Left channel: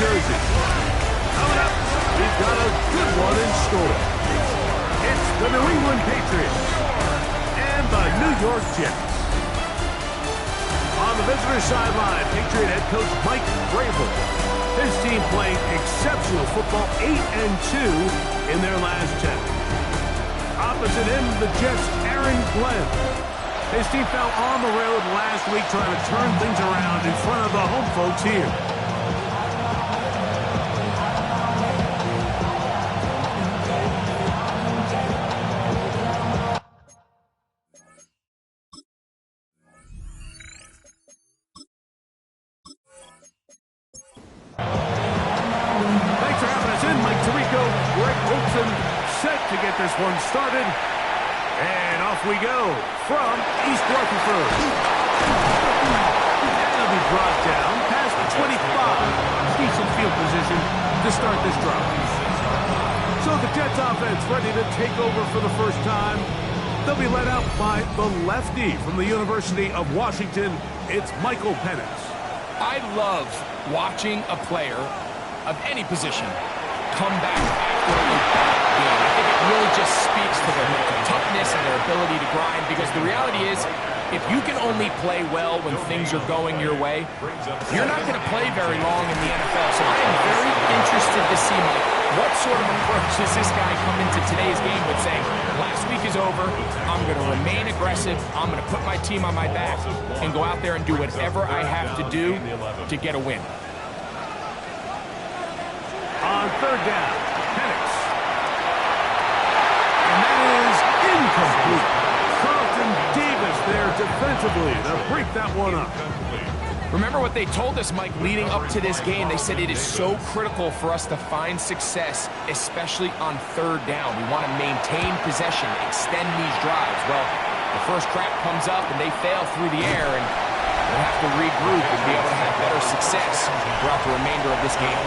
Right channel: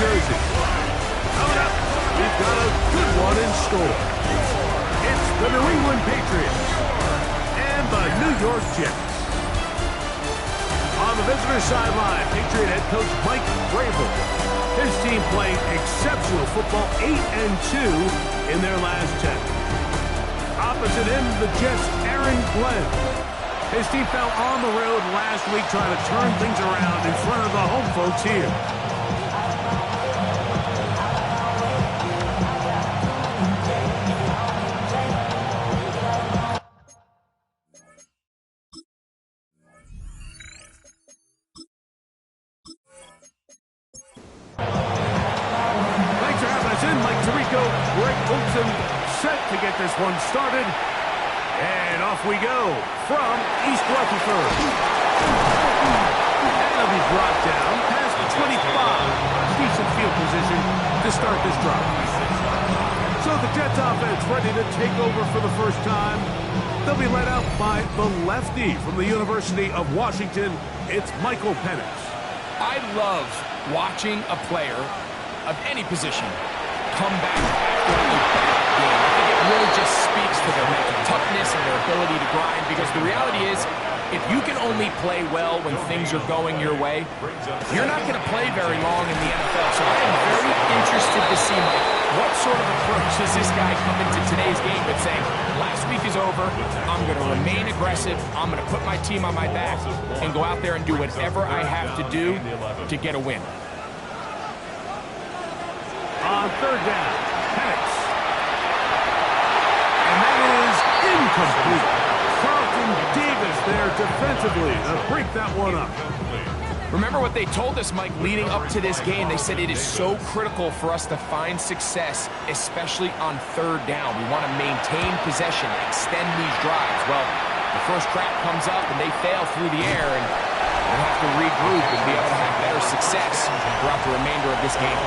Jersey. Coming up, we've got a good one in store. It's the New England Patriots and the New York Jets. On the visitor sideline, Patriot head coach Mike Vrabel. His team playing exceptional football, 8-2 in their last 10. Opposite him, the Jets' Aaron Glenn. His team fell on the road last week trying to turn things around in front of the home folks here. Thanks for having us in, Mike Tirico, Greg Olson, set to get this one started. And off we go from East Rutherford. And it'll be brought down past the 25. Decent field position to start this drive. So the Jets offense ready to take over for the first time. They'll be led out by the lefty from the University of Washington. It's Michael Penix. I love watching a player of any position come back after a bad game. I think it really just speaks to their mental toughness and their ability to grind, because the reality is, if you can only play well when things are going your way, you're not going to play very long in the NFL. So I am very interested to see, Mike, what sort of approach does this guy come into today's game with, saying, last week is over, I'm going to remain aggressive, I'm going to put my team on my back, and go out there and do whatever I have to do to get a win. On third down, Penix. And that is incomplete. Carlton Davis there defensively to break that one up. Remember what they told us, Mike, leading up to this game. They said it is so critical for us to find success, especially on third down. We want to maintain possession, extend these drives. Well, the first crack comes up and they fail through the air, and we'll have to regroup and be able to have better success throughout the remainder of this game.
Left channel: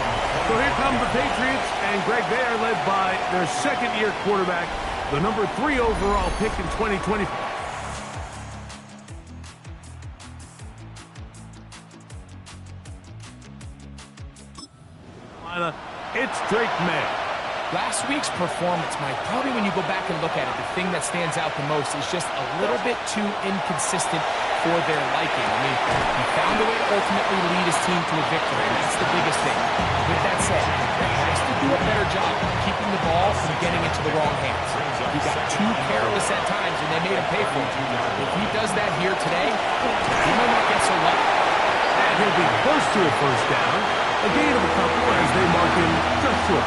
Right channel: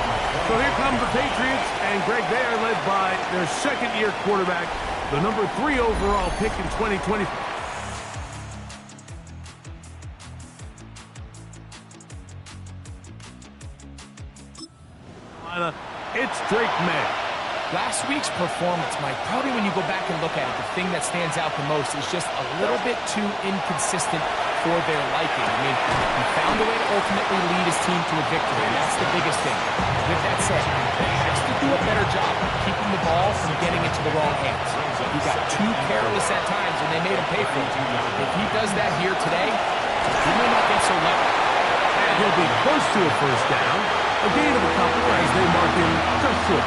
So here come the Patriots, and Greg, they are led by their second-year quarterback, the number 3 overall pick in 2020. It's Drake May. Last week's performance, Mike, probably when you go back and look at it, the thing that stands out the most is just a little bit too inconsistent for their liking. I mean, he found a way to ultimately lead his team to a victory, and that's the biggest thing. With that said, he has to do a better job of keeping the ball from getting into the wrong hands. He got too careless at times, and they made him pay for it. If he does that here today, he may not get so lucky. And he'll be close to a first down. A gain of a couple as they mark him just short.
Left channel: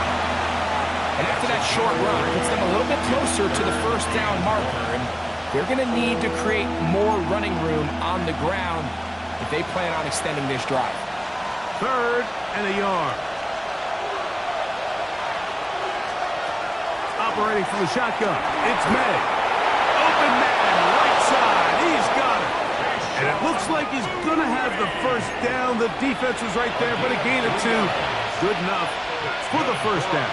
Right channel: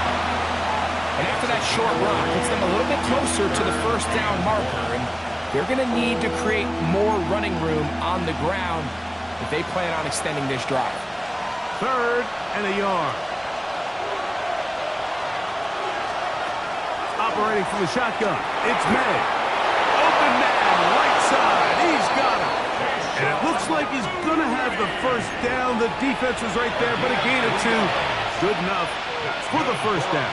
And after that short run, puts them a little bit closer to the first down marker, and they're going to need to create more running room on the ground if they plan on extending this drive. 3rd and a yard. Operating from the shotgun, it's May. Open man, right side, he's got it. And it looks like he's going to have the first down. The defense was right there, but a gain of 2. Good enough for the first down.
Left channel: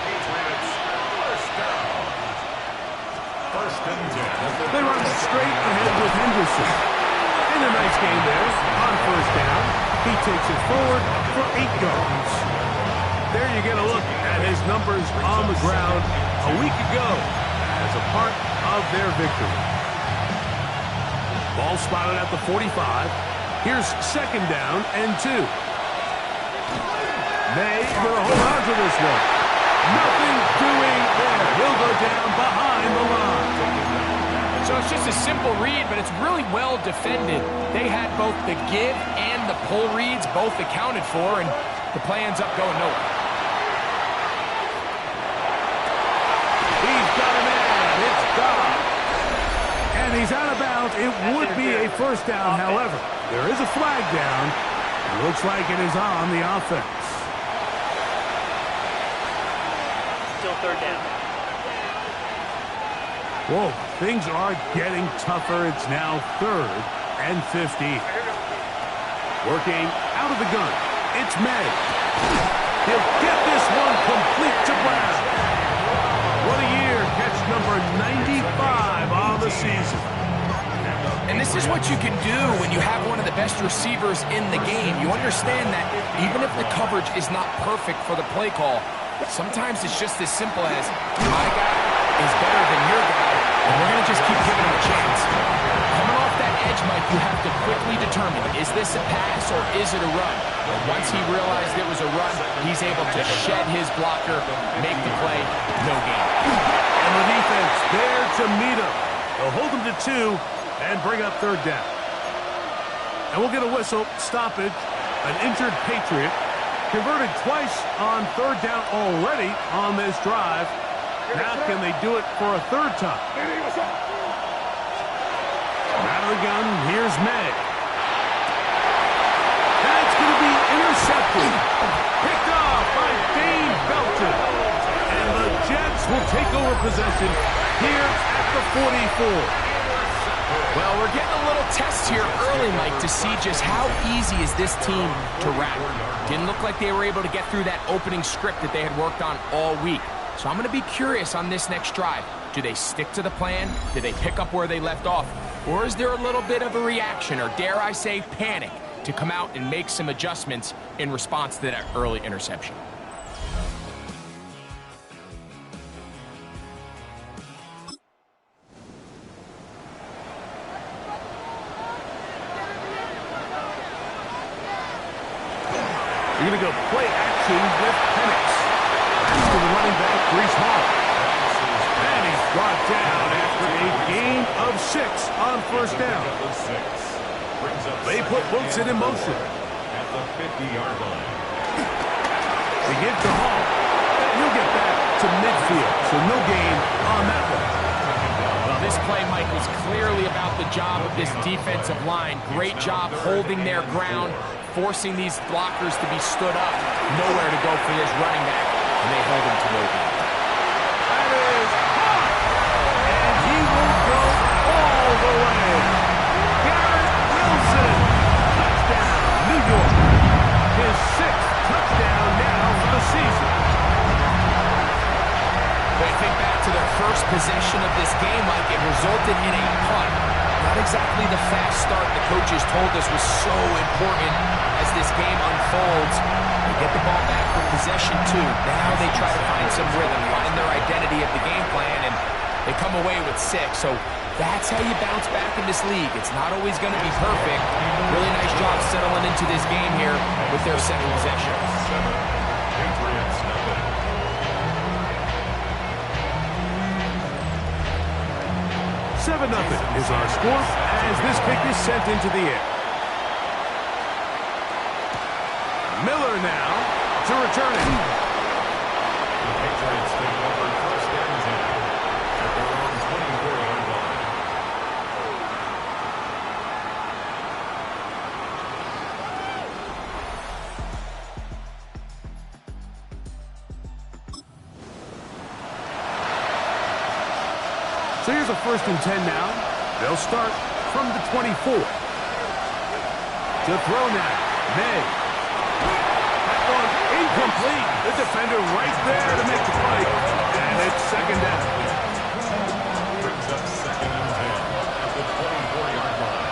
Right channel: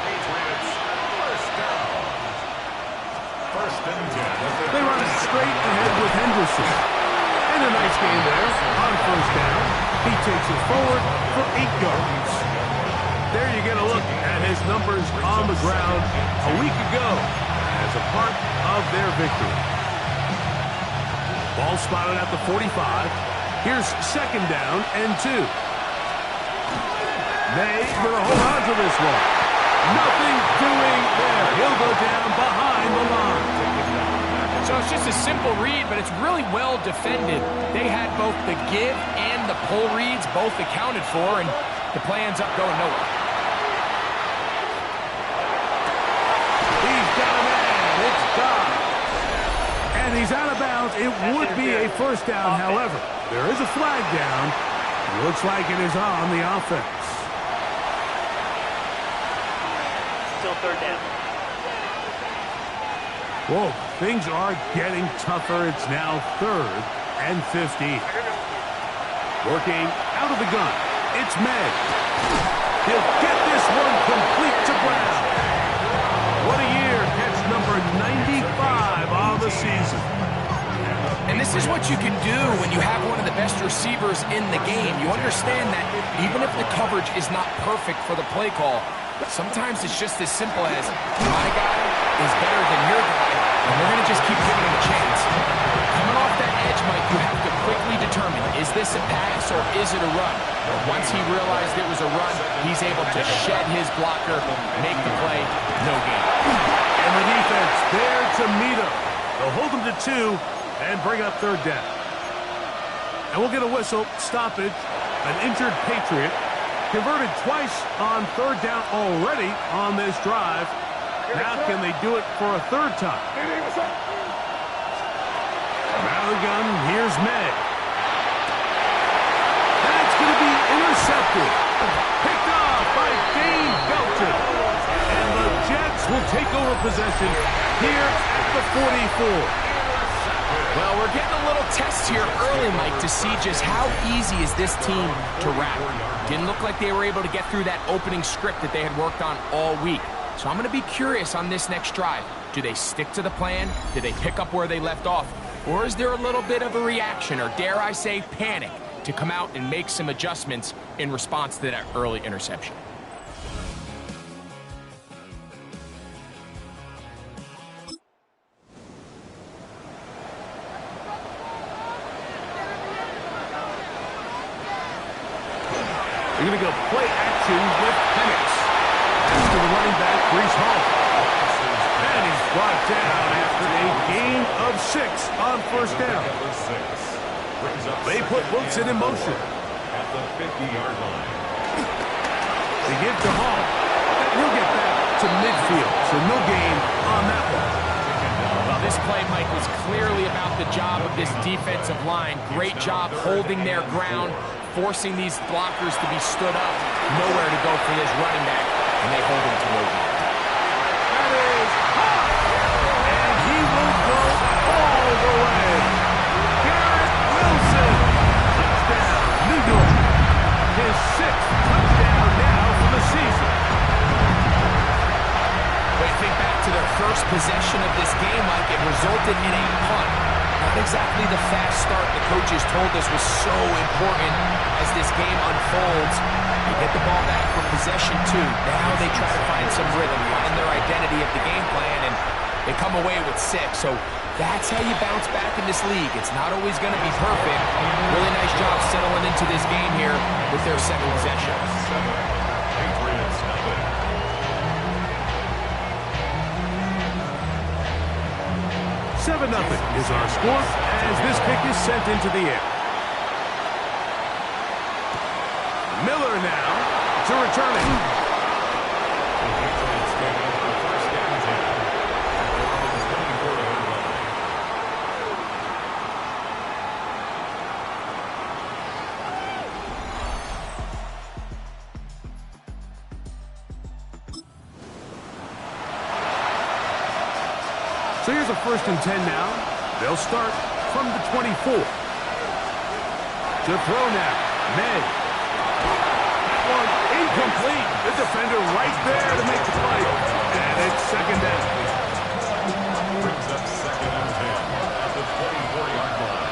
They run straight ahead with Henderson. And a nice gain there on first down. He takes it forward for 8 yards. There you get a look at his numbers on the ground a week ago as a part of their victory. Ball spotted at the 45. Here's 2nd down and 2. May going to hold on to this one. Nothing doing there. He'll go down behind the line. So it's just a simple read, but it's really well defended. They had both the give and the pull reads both accounted for, and the play ends up going nowhere. He's got a man. It's Dobbs. And he's out of bounds. It would be a first down, however. There is a flag down. It looks like it is on the offense. Still 3rd down. Whoa, things are getting tougher. It's now 3rd and 15. Working out of the gun. It's May. He'll get this one complete to Brown. What a year. Catch number 95 on the season. And this is what you can do when you have one of the best receivers in the game. You understand that even if the coverage is not perfect for the play call, sometimes it's just as simple as, my guy is better than your guy, and we're going to just keep giving him a chance. Coming off that edge, Mike, you have to quickly determine, is this a pass or is it a run? But once he realized it was a run, he's able to shed his blocker, make the play, no gain. And the defense there to meet him. They'll hold him to 2 and bring up third down. And we'll get a whistle, stoppage, an injured Patriot. Converted twice on third down already on this drive. Now can they do it for a third time? Out of the gun, here's May. That's going to be intercepted. Picked off by Dane Belton. And the Jets will take over possession here at the 44. Well, we're getting a little test here early, Mike, to see just how easy is this team to rattle. Didn't look like they were able to get through that opening script that they had worked on all week. So I'm going to be curious on this next drive. Do they stick to the plan? Do they pick up where they left off? Or is there a little bit of a reaction, or dare I say panic, to come out and make some adjustments in response to that early interception? They're going to go play action with Penix. That's to the running back, Breece Hall. And he's brought down after a gain of 6 on first down. They put Wilson in motion. At the 50-yard line. They give to Hall. And he'll get back to midfield, so no gain on that one. Well, this play, Mike, was clearly about the job of this defensive line. Great job holding their ground, forcing these blockers to be stood up. Nowhere to go for this running back, and they hold him to no gain. That is hot! And he will go all the way. Garrett Wilson, touchdown, New York. His 6th touchdown now for the season. When you think back to their first possession of this game, Mike, it resulted in a punt. Not exactly the fast start the coaches told us was so important as this game unfolds. They get the ball back for possession 2. Now they try to find some rhythm, find their identity of the game plan, and they come away with 6. So that's how you bounce back in this league. It's not always going to be perfect. Really nice job settling into this game here with their second possession. 7, Patriots nothing. 7-0 is our score as this kick is sent into the air. Miller now to return it. The Patriots take over first and 10 at their own 24-yard line. So here's a first and 10 now. They'll start from the 24. To throw now, May. That one incomplete. The defender right there to make the play. And it's second down. Brings up second and 10 at the 24-yard line.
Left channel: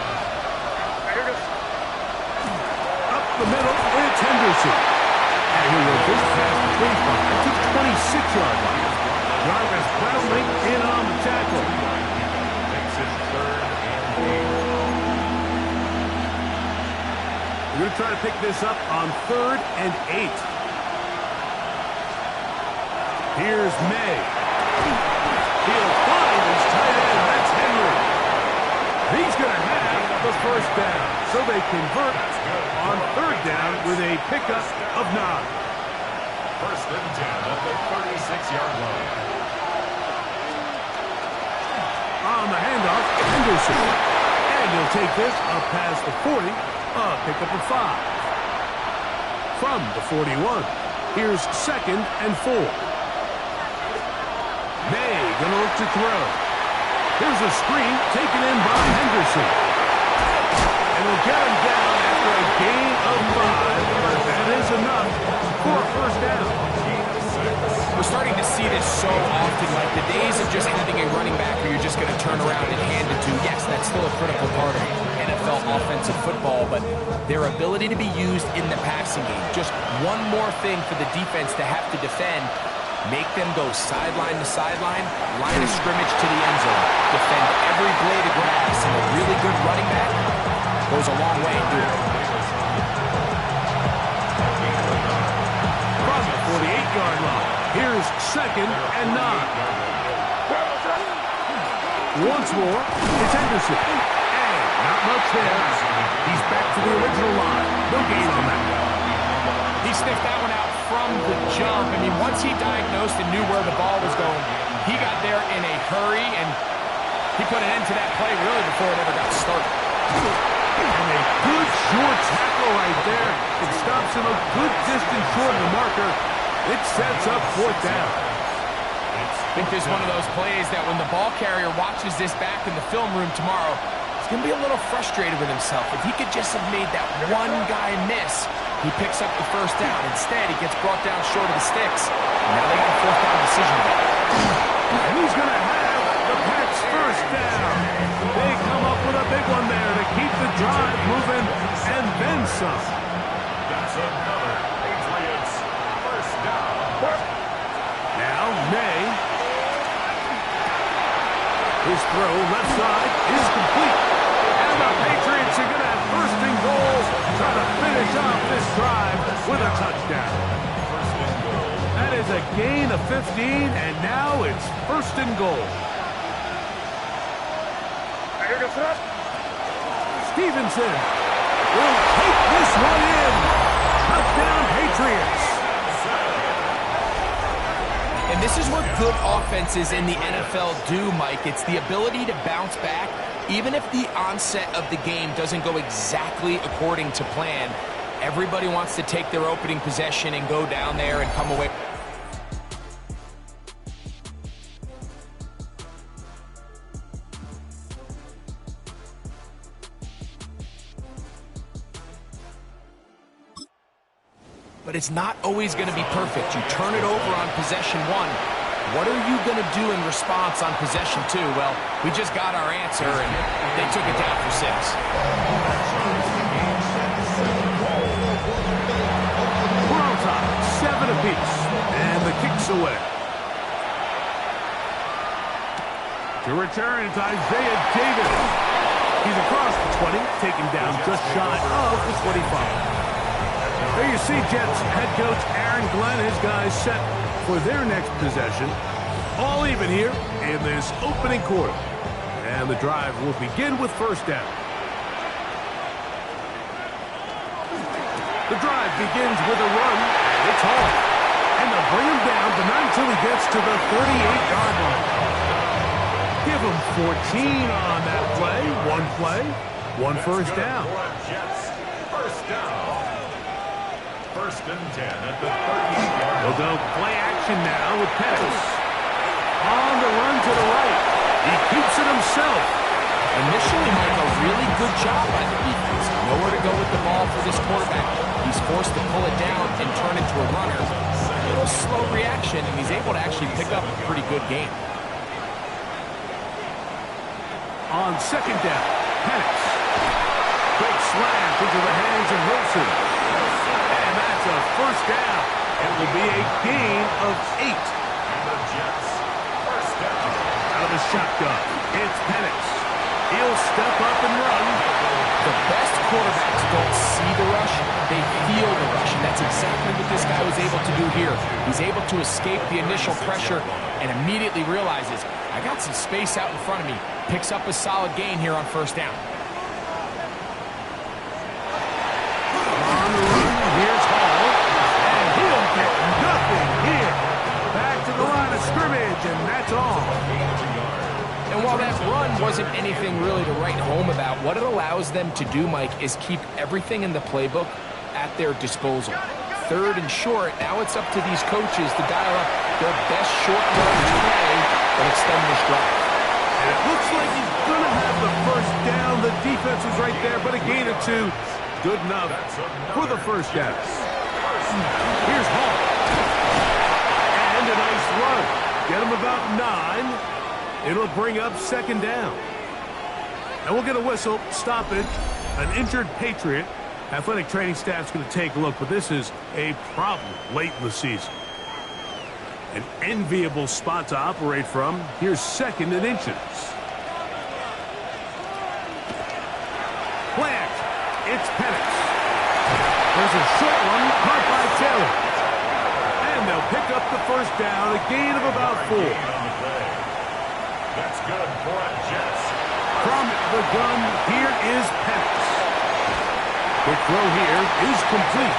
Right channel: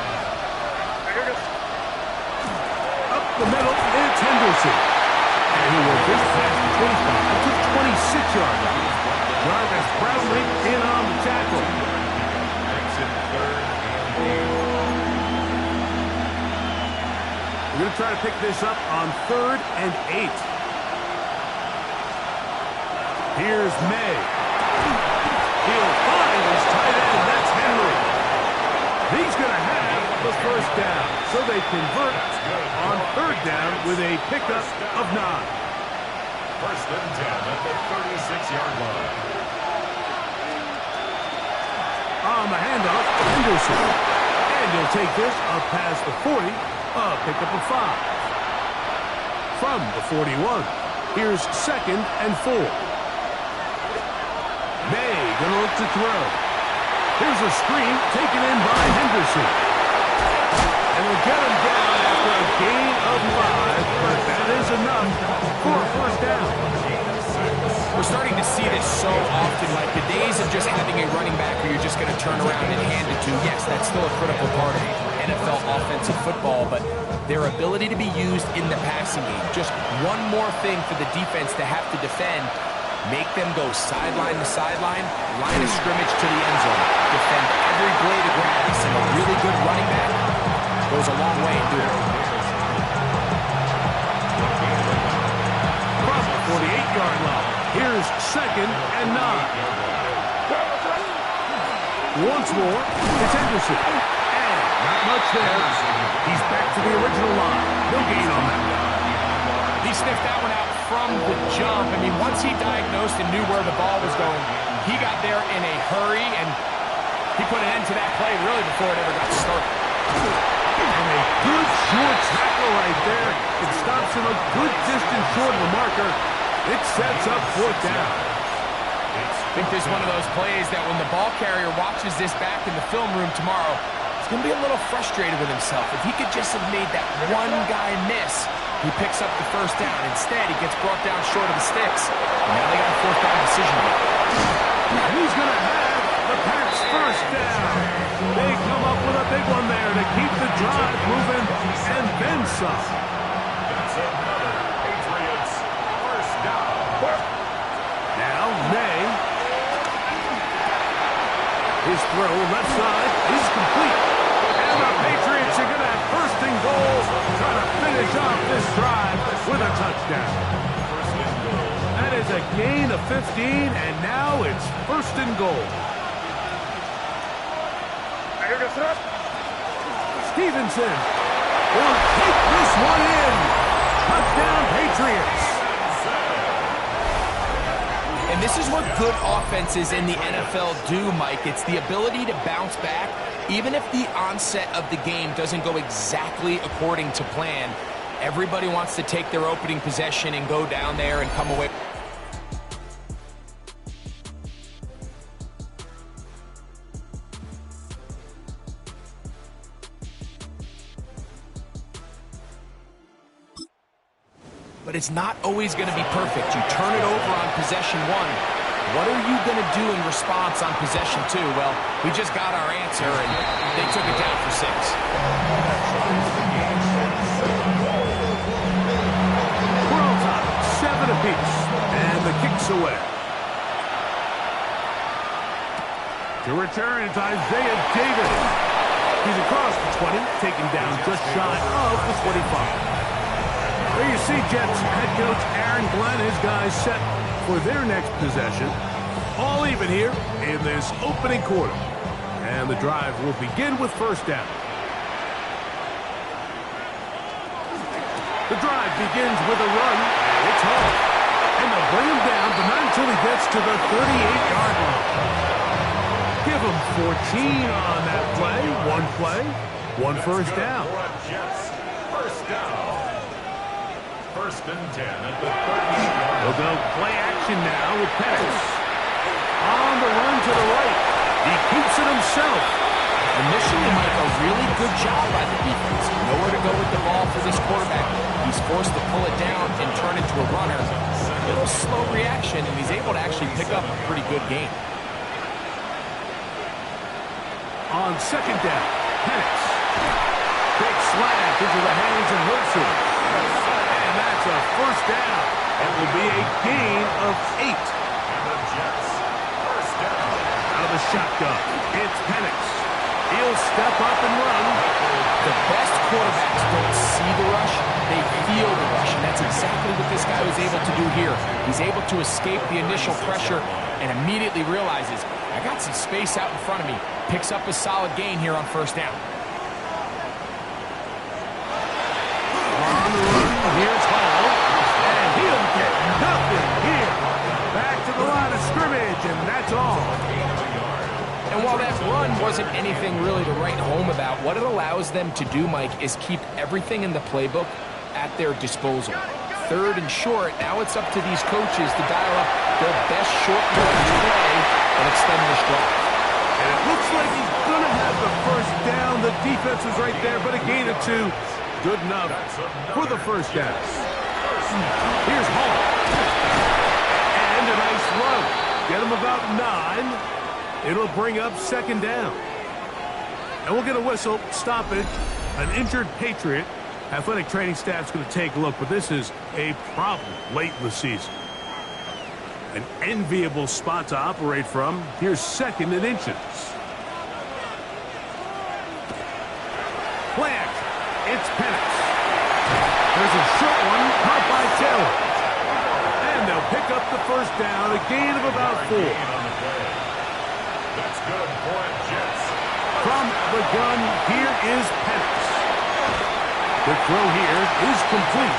Up the middle, it's Henderson. And he'll work this past the 25 to the 26-yard line. Jarvis Brownlee in on the tackle. Makes it third and 8. We're going to try to pick this up on 3rd and 8. Here's May. He'll find his tight end. That's Henry. He's going to have the first down. So they convert on 3rd down with a pickup of 9. First and 10 at the 36-yard line. On the handoff, Henderson. And he'll take this up past the 40, a pickup of 5. From the 41, here's 2nd and 4. May gonna look to throw. Here's a screen taken in by Henderson. And he'll get him down after a gain of 5, but that is enough for a first down. Gain of 6. We're starting to see this so often, like the days of just having a running back where you're just going to turn around and hand it to. Yes, that's still a critical part of NFL offensive football, but their ability to be used in the passing game. Just one more thing for the defense to have to defend. Make them go sideline to sideline, line of scrimmage to the end zone. Defend every blade of grass, and a really good running back goes a long way in doing it. From the 48-yard line, here's 2nd and 9. Once more, it's Henderson. And not much there. He's back to the original line. No gain on that. He sniffed that one out from the jump. I mean, once he diagnosed and knew where the ball was going, he got there in a hurry, and he put an end to that play really before it ever got started. And a good short tackle right there. It stops him a good distance short of the marker. It sets up 4th down. I think this is one of those plays that when the ball carrier watches this back in the film room tomorrow, he's going to be a little frustrated with himself. If he could just have made that one guy miss, he picks up the 1st down. Instead, he gets brought down short of the sticks. And now they got a 4th down decision to make. And he's going to have the Pats' 1st down. They come up with a big one there to keep the drive moving and then some. That's another Patriots 1st down. Now, May. His throw left side is complete. And the Patriots are going to have 1st and goal, trying to finish off this drive with a touchdown. 1st and goal. That is a gain of 15, and now it's 1st and goal. Stevenson will take this one in. Touchdown, Patriots. And this is what good offenses in the NFL do, Mike. It's the ability to bounce back, even if the onset of the game doesn't go exactly according to plan. Everybody wants to take their opening possession and go down there and come away. But it's not always going to be perfect. You turn it over on possession 1. What are you going to do in response on possession 2? Well, we just got our answer, and they took it down for 6. We're on top, 7 apiece, and the kick's away. To return, it's Isaiah Davis. He's across the 20, taken down just shy of the 25. There you see Jets head coach Aaron Glenn, his guys set for their next possession. All even here in this opening quarter. And the drive will begin with 1st down. The drive begins with a run, and it's Hall. And they'll bring him down, but not until he gets to the 38-yard line. Give him 14 on that play. One 1st down. Jets 1st down. 1st and 10 at the 38-yard line. They'll go play action now with Pettis. On the run to the right. He keeps it himself. Initially, Mike, a really good job by the defense. Nowhere to go with the ball for this quarterback. He's forced to pull it down and turn into a runner. A little slow reaction, and he's able to actually pick up a pretty good game. On 2nd down, Penix. Quick slant into the hands of Wilson. And that's a 1st down. It will be a gain of 8. And the Jets 1st down. Out of the shotgun, it's Penix. He'll step up and run. The best quarterbacks don't see the rush, they feel the rush. And that's exactly what this guy was able to do here. He's able to escape the initial pressure and immediately realizes, I got some space out in front of me. Picks up a solid gain here on 1st down. On the run, here's Hall. And he'll get nothing here. Back to the line of scrimmage, and that's all. And while that run wasn't anything really to write home about, what it allows them to do, Mike, is keep everything in the playbook at their disposal. 3rd and short, now it's up to these coaches to dial up their best short yardage play and extend this drive. And it looks like he's going to have the 1st down. The defense was right there, but a gain of 2. Good enough for the 1st down. Here's Hall. And a Get him about 9. It'll bring up second down. And we'll get a whistle, stoppage, an injured Patriot. Athletic training staff's going to take a look, but this is a problem late in the season. An enviable spot to operate from. Here's 2nd and inches. Play action. It's Penix. There's a short one caught by Taylor. And they'll pick up the first down, a gain of about 4. That's good for Jets. From the gun, here is Penix. Quick throw here is complete.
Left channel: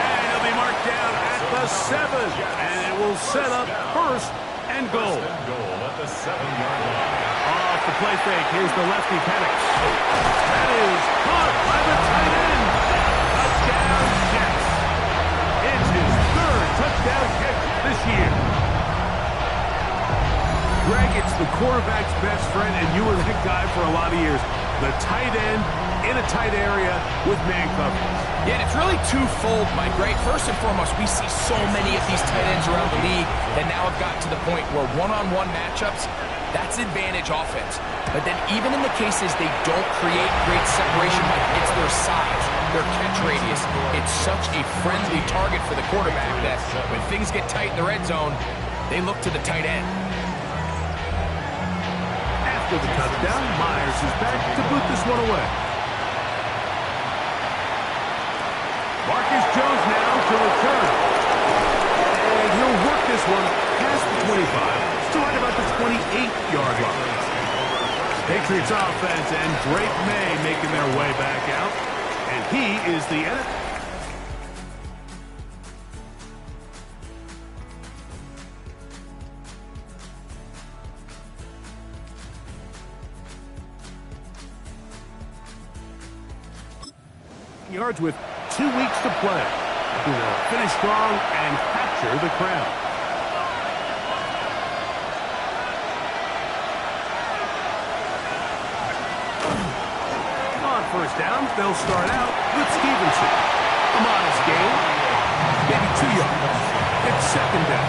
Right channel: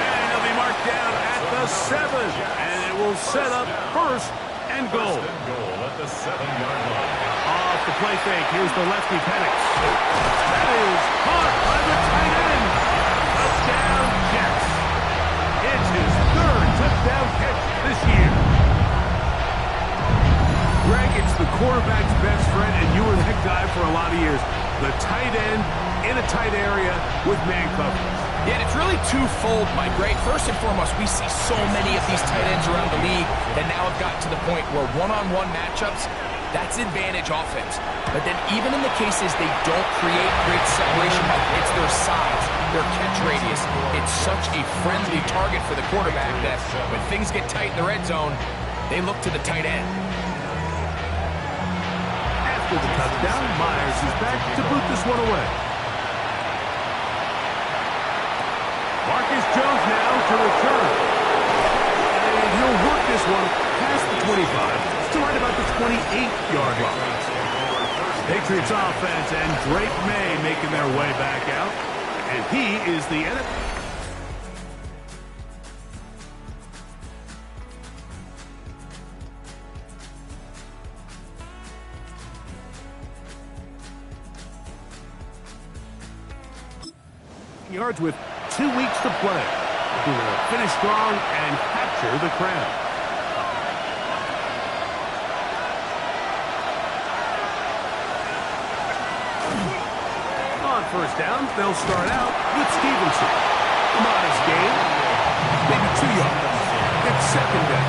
And he'll be marked down at the 7. And it will set up 1st and goal. First and goal at the 7-yard line. Off the play fake, here's the lefty Penix. That is caught by the tight end. Touchdown, Jets. It's his 3rd touchdown catch this year. Greg, it's the quarterback's best friend, and you were that guy for a lot of years. The tight end in a tight area with man coverage. Yeah, and it's really twofold, Mike, right? First and foremost, we see so many of these tight ends around the league that now have gotten to the point where one-on-one matchups, that's advantage offense. But then even in the cases they don't create great separation, Mike, it's their size, their catch radius. It's such a friendly target for the quarterback that when things get tight in the red zone, they look to the tight end. After the touchdown, Myers is back to boot this one away. Marcus Jones now to return. And he'll work this one past the 25 to right about the 28-yard line. Patriots offense and Drake May making their way back out. And he is the end. Yards with 2 weeks to play. Looking to finish strong and capture the crown. On first down, they'll start out with Stevenson. A modest gain, maybe 2 yards. It's 2nd down.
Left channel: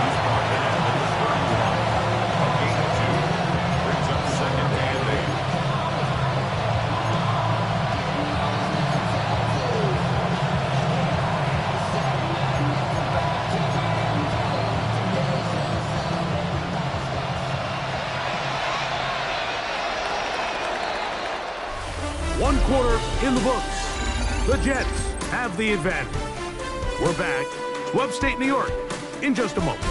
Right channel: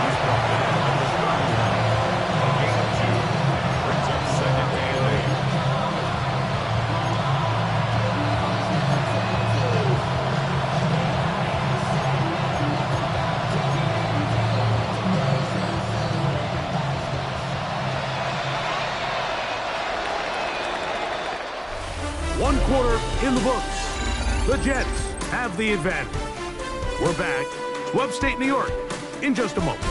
He's brought that in at the 31. A gain of 2. Brings up 2nd and 8. One quarter in the books. The Jets have the advantage. We're back to upstate New York in just a moment.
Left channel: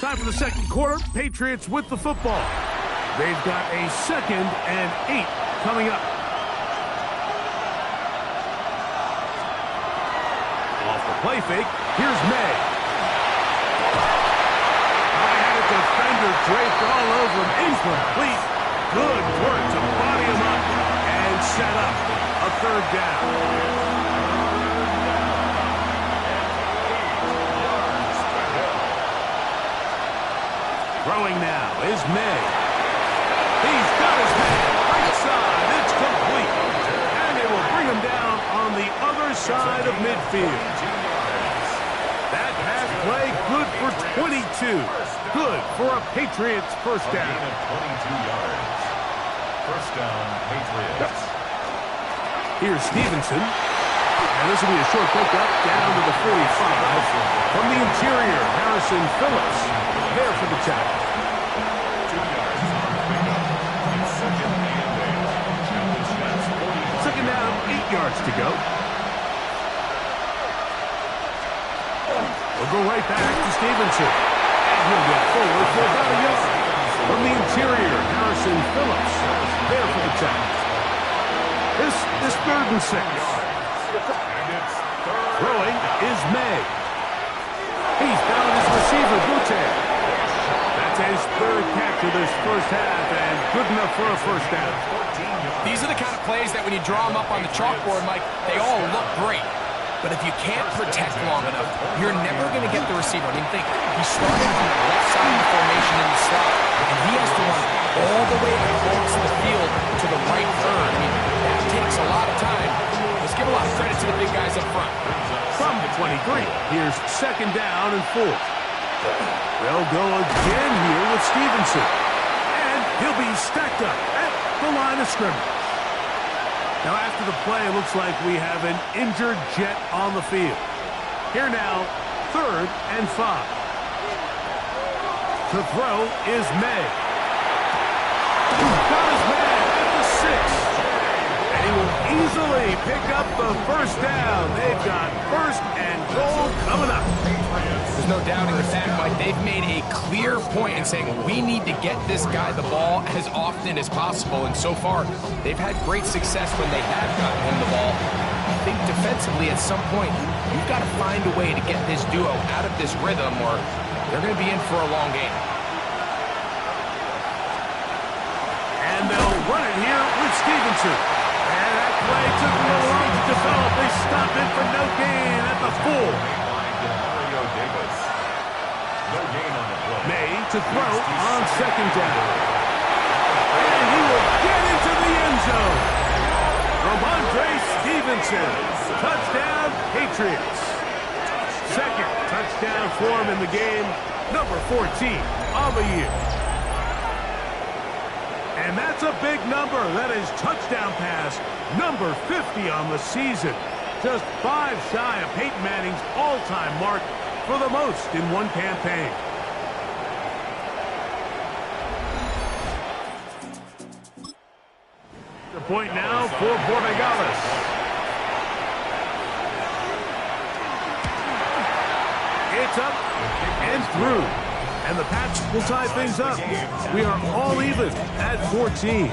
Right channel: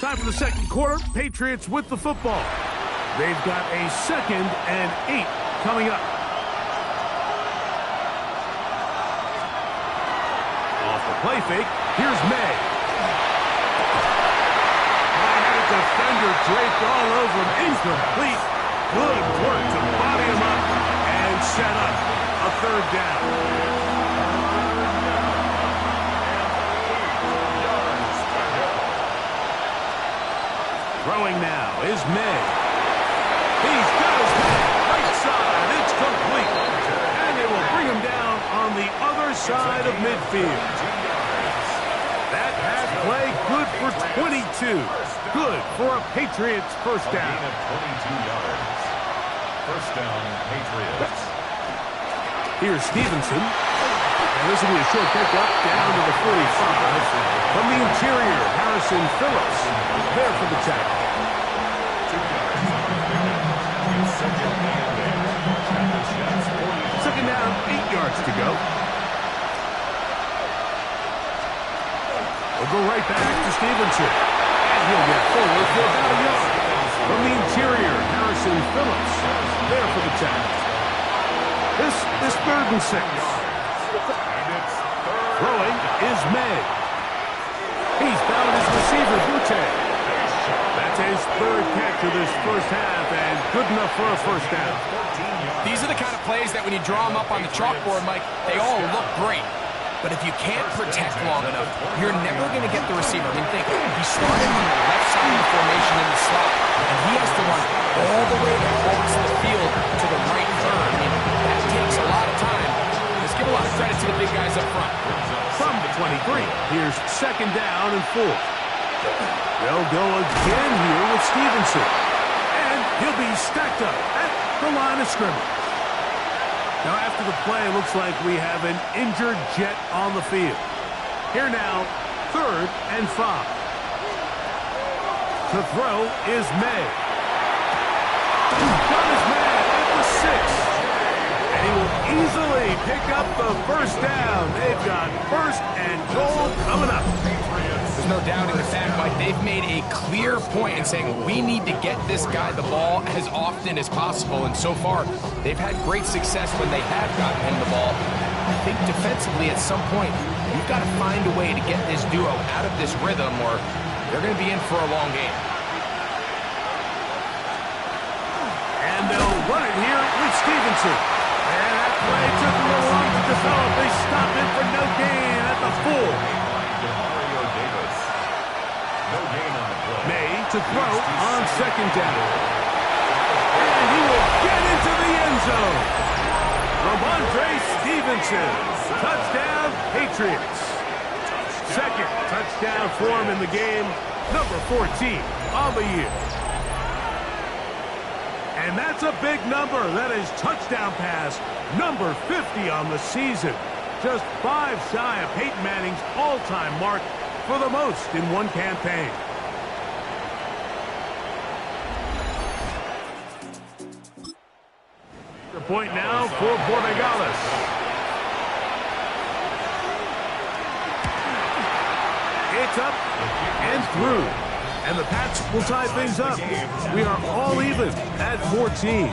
Time for the second quarter. Patriots with the football. They've got a 2nd and 8 coming up. Off the play fake, here's May. I had a defender draped all over him. Incomplete. Good work to body him up and set up a 3rd down. Throwing now is May. He's got his man right side. It's complete. And they will bring him down on the other side of midfield. That pass play good for 22. Good for a Patriots first down. A gain of 22 yards. First down, Patriots. Here's Stevenson. And this will be a short pickup down to the 45. From the interior, Harrison Phillips there for the tackle. 2 yards on the pickup. It's 2nd and 8. At the Jets 40. 2nd down, 8 yards to go. We'll go right back to Stevenson. And he'll get forward for about a yard. From the interior, Harrison Phillips there for the tackle. This is 3rd and 6. Throwing is May. He's found his receiver, Butte. That's his 3rd catch of this first half, and good enough for a first down. These are the kind of plays that when you draw them up on the chalkboard, Mike, they all look great. But if you can't protect long enough, you're never going to get the receiver. I mean, think, he started on the left side of the formation in the slot, and he has to run all the way across the field to the right third. I mean, that takes a lot of time. Let's give a lot of credit to the big guys up front. From the 23, here's 2nd down and 4. They'll go again here with Stevenson. And he'll be stacked up at the line of scrimmage. Now, after the play, it looks like we have an injured Jet on the field. Here now, 3rd and 5. To throw is May. Got his man at the 6. And he will easily pick up the 1st down. They've got 1st and goal coming up. There's no doubting the fact, Mike, they've made a clear point in saying we need to get this guy the ball as often as possible. And so far, they've had great success when they have gotten him the ball. I think defensively at some point, you've got to find a way to get this duo out of this rhythm or they're going to be in for a long game. And they'll run it here with Stevenson. And that play took a little long to develop. They stop it for no gain at the 4. No gain on the play. May to throw on 2nd down. And he will get into the end zone. Ramondre Stevenson. Touchdown, Patriots. 2nd touchdown for him in the game. Number 14 on the year. And that's a big number. That is touchdown pass number 50 on the season. Just 5 shy of Peyton Manning's all-time mark for the most in one campaign. The point now for Borregales. It's up and through. And the Pats will tie things up. We are all even at 14.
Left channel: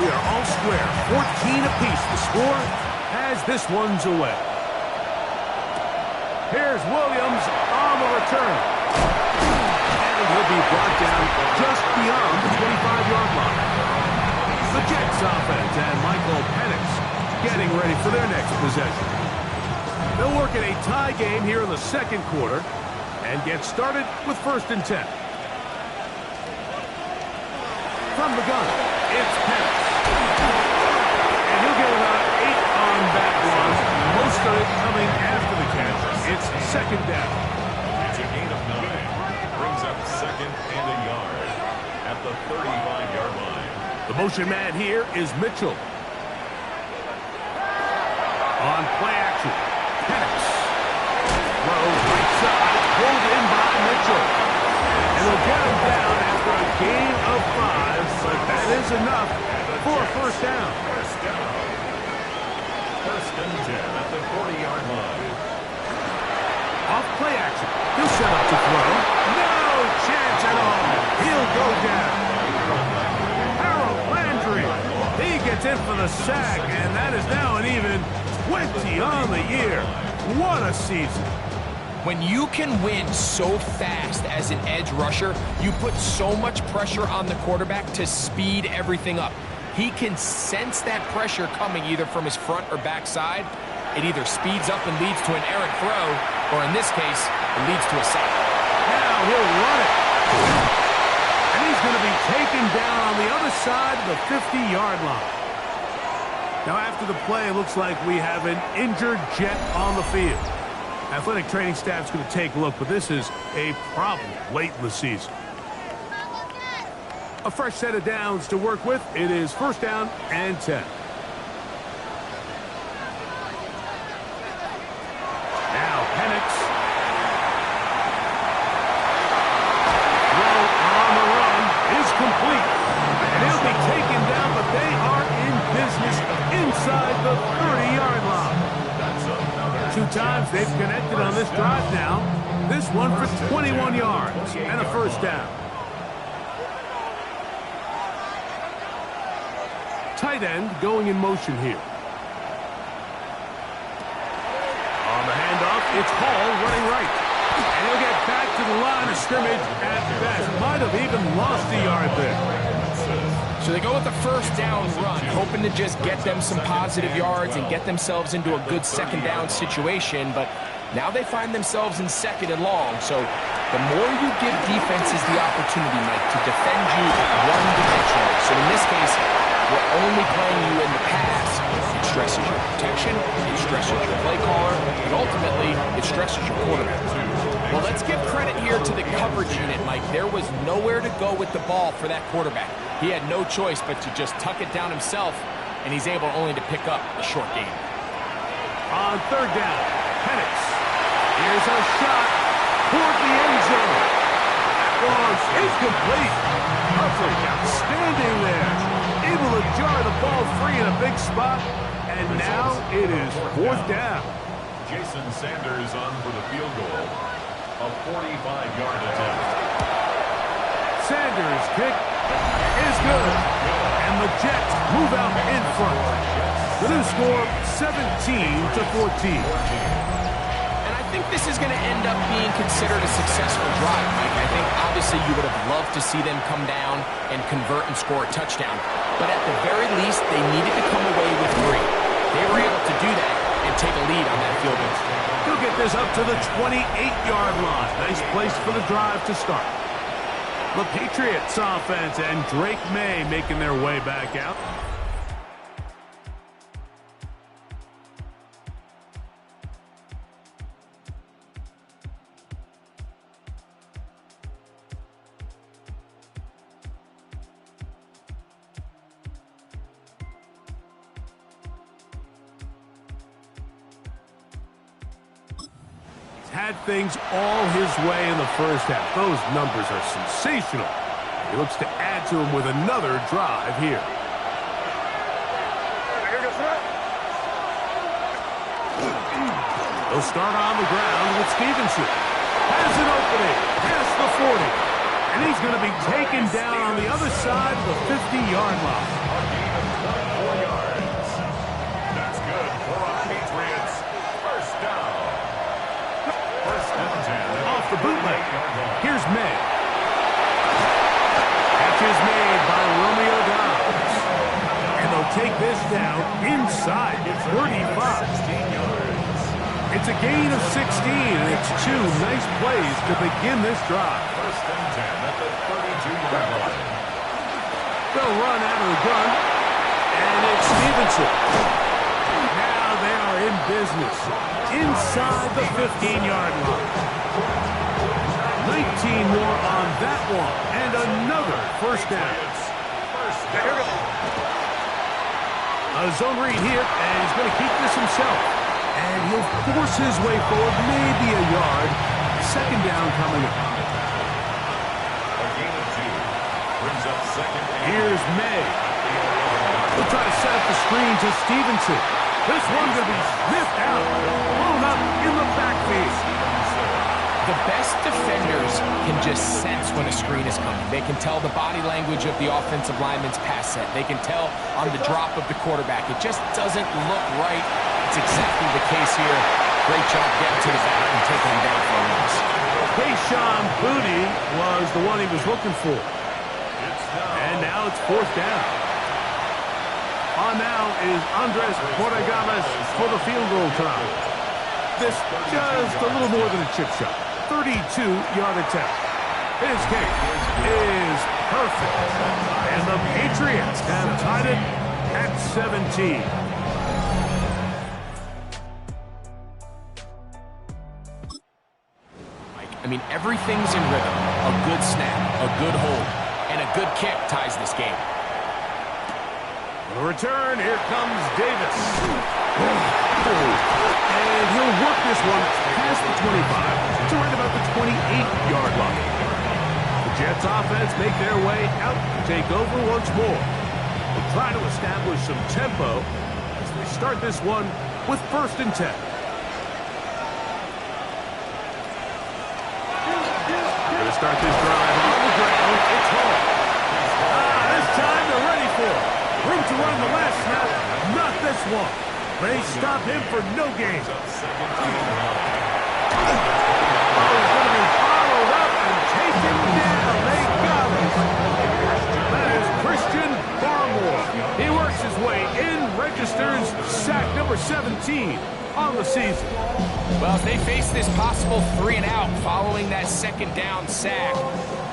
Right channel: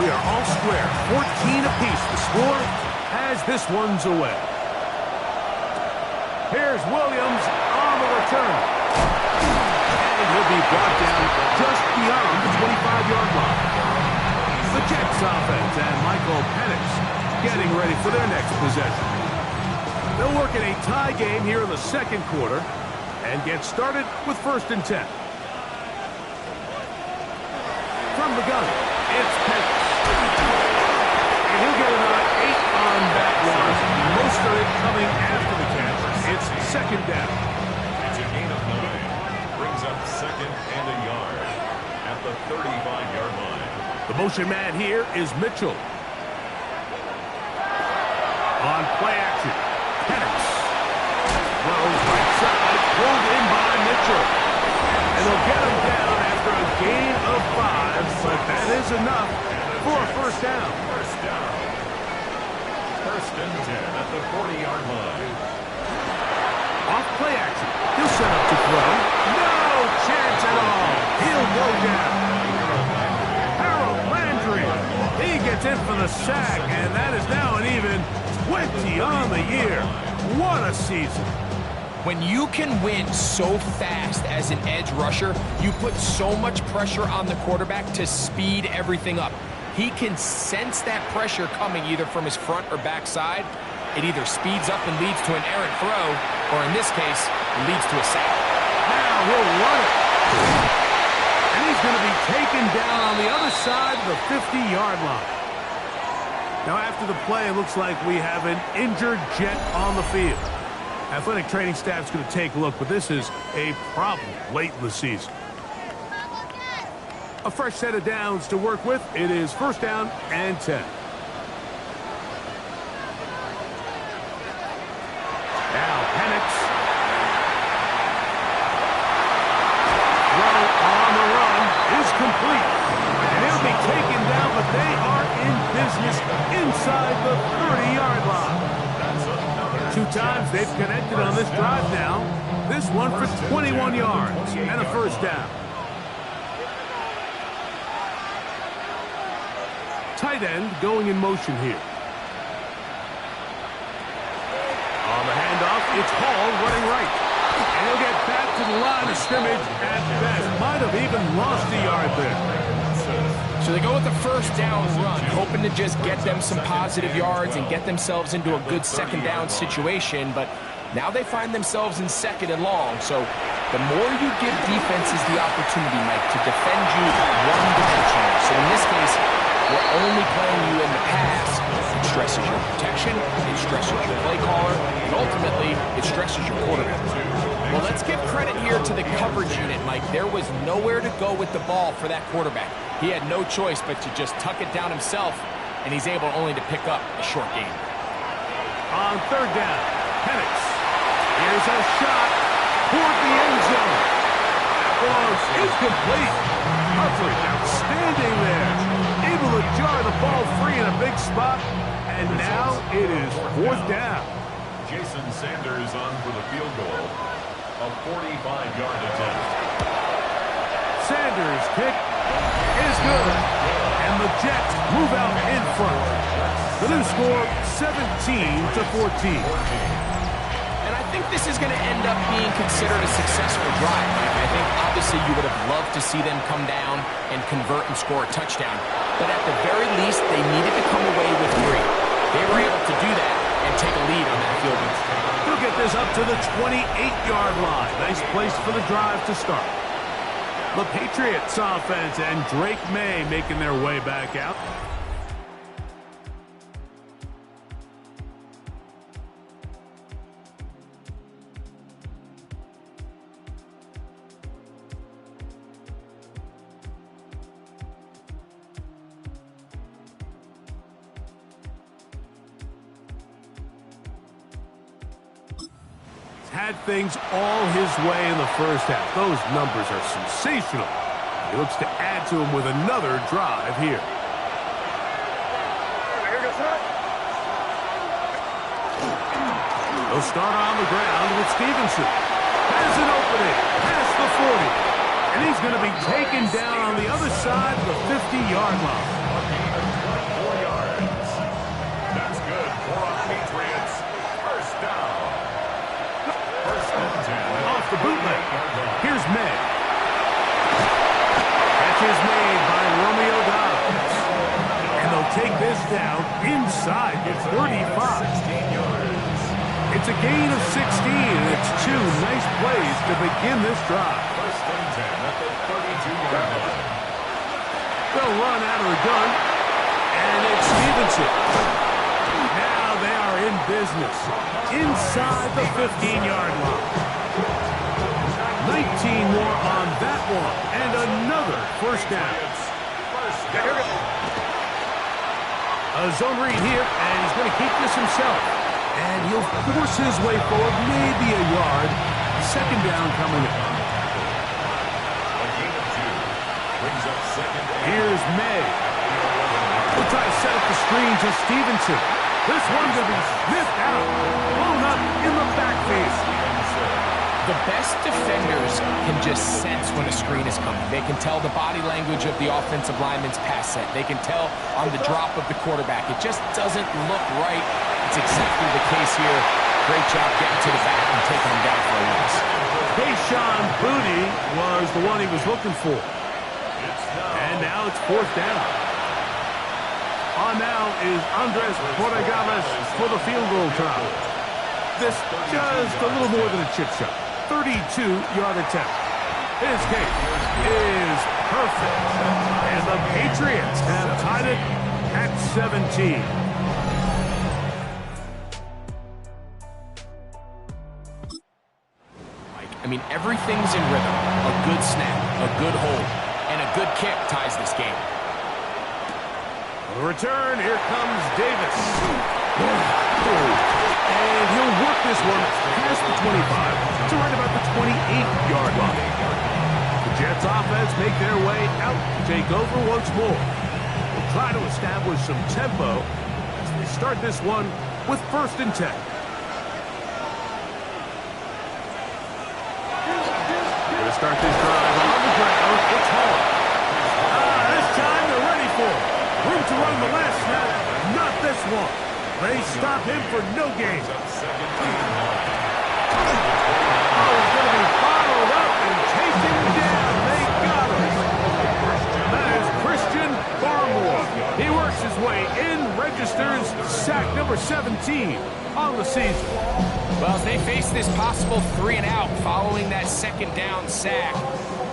We are all square. 14 apiece. The score as this one's away. Here's Williams on the return. And he'll be brought down just beyond the 25-yard line. The Jets offense and Michael Penix getting ready for their next possession. They'll work in a tie game here in the 2nd quarter and get started with 1st and 10. From the gun, it's Penix. And he'll get about 8 on that one. Most of it coming after the catch. It's 2nd down. It's a gain of 9. Brings up 2nd and a yard at the 35-yard line. The motion man here is Mitchell. On play action, Penix. Throw right side, pulled in by Mitchell. And they'll get him down after a gain of 5, but that is enough for a 1st down. 1st down. 1st and 10 at the 40-yard line. Off play action. He'll set up to throw. No chance at all. He'll go down. Harold Landry. He gets in for the sack, and that is now an even 20 on the year. What a season. When you can win so fast as an edge rusher, you put so much pressure on the quarterback to speed everything up. He can sense that pressure coming either from his front or back side. It either speeds up and leads to an errant throw, or in this case, it leads to a sack. Now he'll run it. And he's going to be taken down on the other side of the 50-yard line. Now after the play, it looks like we have an injured Jet on the field. Athletic training staff's going to take a look, but this is a problem late in the season. A fresh set of downs to work with. It is 1st down and 10. Now Penix. Throw on the run is complete. And he'll be taken down, but they are in business inside the 30-yard line. 2 times they've connected on this drive now. This one for 21 yards and a 1st down. Tight end going in motion here. On the handoff, it's Hall running right. And he'll get back to the line of scrimmage at best. Might have even lost a yard there. So they go with the first down run, hoping to just get them some positive yards and get themselves into a good second down situation, but now they find themselves in second and long. So the more you give defenses the opportunity, Mike, to defend you one-dimensionally. So in this case, we're only playing you in the pass. It stresses your protection, it stresses your play caller, and ultimately, it stresses your quarterback. Well, let's give credit here to the coverage unit, Mike. There was nowhere to go with the ball for that quarterback. He had no choice but to just tuck it down himself, and he's able only to pick up a short gain. On third down, Penix. Here's a shot toward the end zone. That was incomplete. Coverage outstanding there. Able to jar the ball free in a big spot. And now it is fourth down. Jason Sanders on for the field goal. A 45-yard attempt. Sanders' kick is good. And the Jets move out in front. The new score, 17-14. And I think this is going to end up being considered a successful drive, Mike. I think obviously you would have loved to see them come down and convert and score a touchdown. But at the very least, they needed to come away with 3. They were able to do that and take a lead on that field goal. They'll get this up to the 28-yard line. Nice place for the drive to start. The Patriots offense and Drake May making their way back out. Had things all his way in the first half. Those numbers are sensational. He looks to add to them with another drive here. They'll start on the ground with Stevenson. Has an opening past the 40. And he's going to be taken down on the other side of the 50-yard line. A gain of 24 yards. That's good for a Patriots first down. Off the bootleg. Here's May. Catch is made by Romeo Dobbs. And they'll take this down inside the 35. It's a gain of 16, and it's 2 nice plays to begin this drive. First and 10 at the 32-yard line. They'll run out of the gun, and it's Stevenson. Now they are in business inside the 15-yard line. 19 more on that one, and another first down. A zone read here, and he's going to keep this himself. And he'll force his way forward, maybe a yard. Second down coming up. A gain of 2 brings up second and Here's May. We'll try to set up the screen to Stevenson. This one's going to be sniffed out, blown up in the backfield. The best defenders can just sense when a screen is coming. They can tell the body language of the offensive lineman's pass set. They can tell on the drop of the quarterback. It just doesn't look right. It's exactly the case here. Great job getting to the back and taking him down for a loss. Kayshon Boutte was the one he was looking for. And now it's fourth down. On now is Andres Porregales for the field goal try. This just a little more than a chip shot. 32-yard attempt. His kick is perfect. And the Patriots have tied it at 17. I mean, everything's in rhythm. A good snap, a good hold, and a good kick ties this game. For the return, here comes Davis. And he'll work this one past the 25 to right about the 28-yard line. The Jets offense make their way out to take over once more. We'll try to establish some tempo as they start this one with first and 10. Going to start this drive on the ground. It's home. This time they're ready for it. Room to run the last snap. Not this one. They stop him for no gain. Oh, he's going to be bottled up and taken down. They got him. That is Chris its way in, registers sack number 17 on the season. Well, as they face this possible 3-and-out following that second down sack,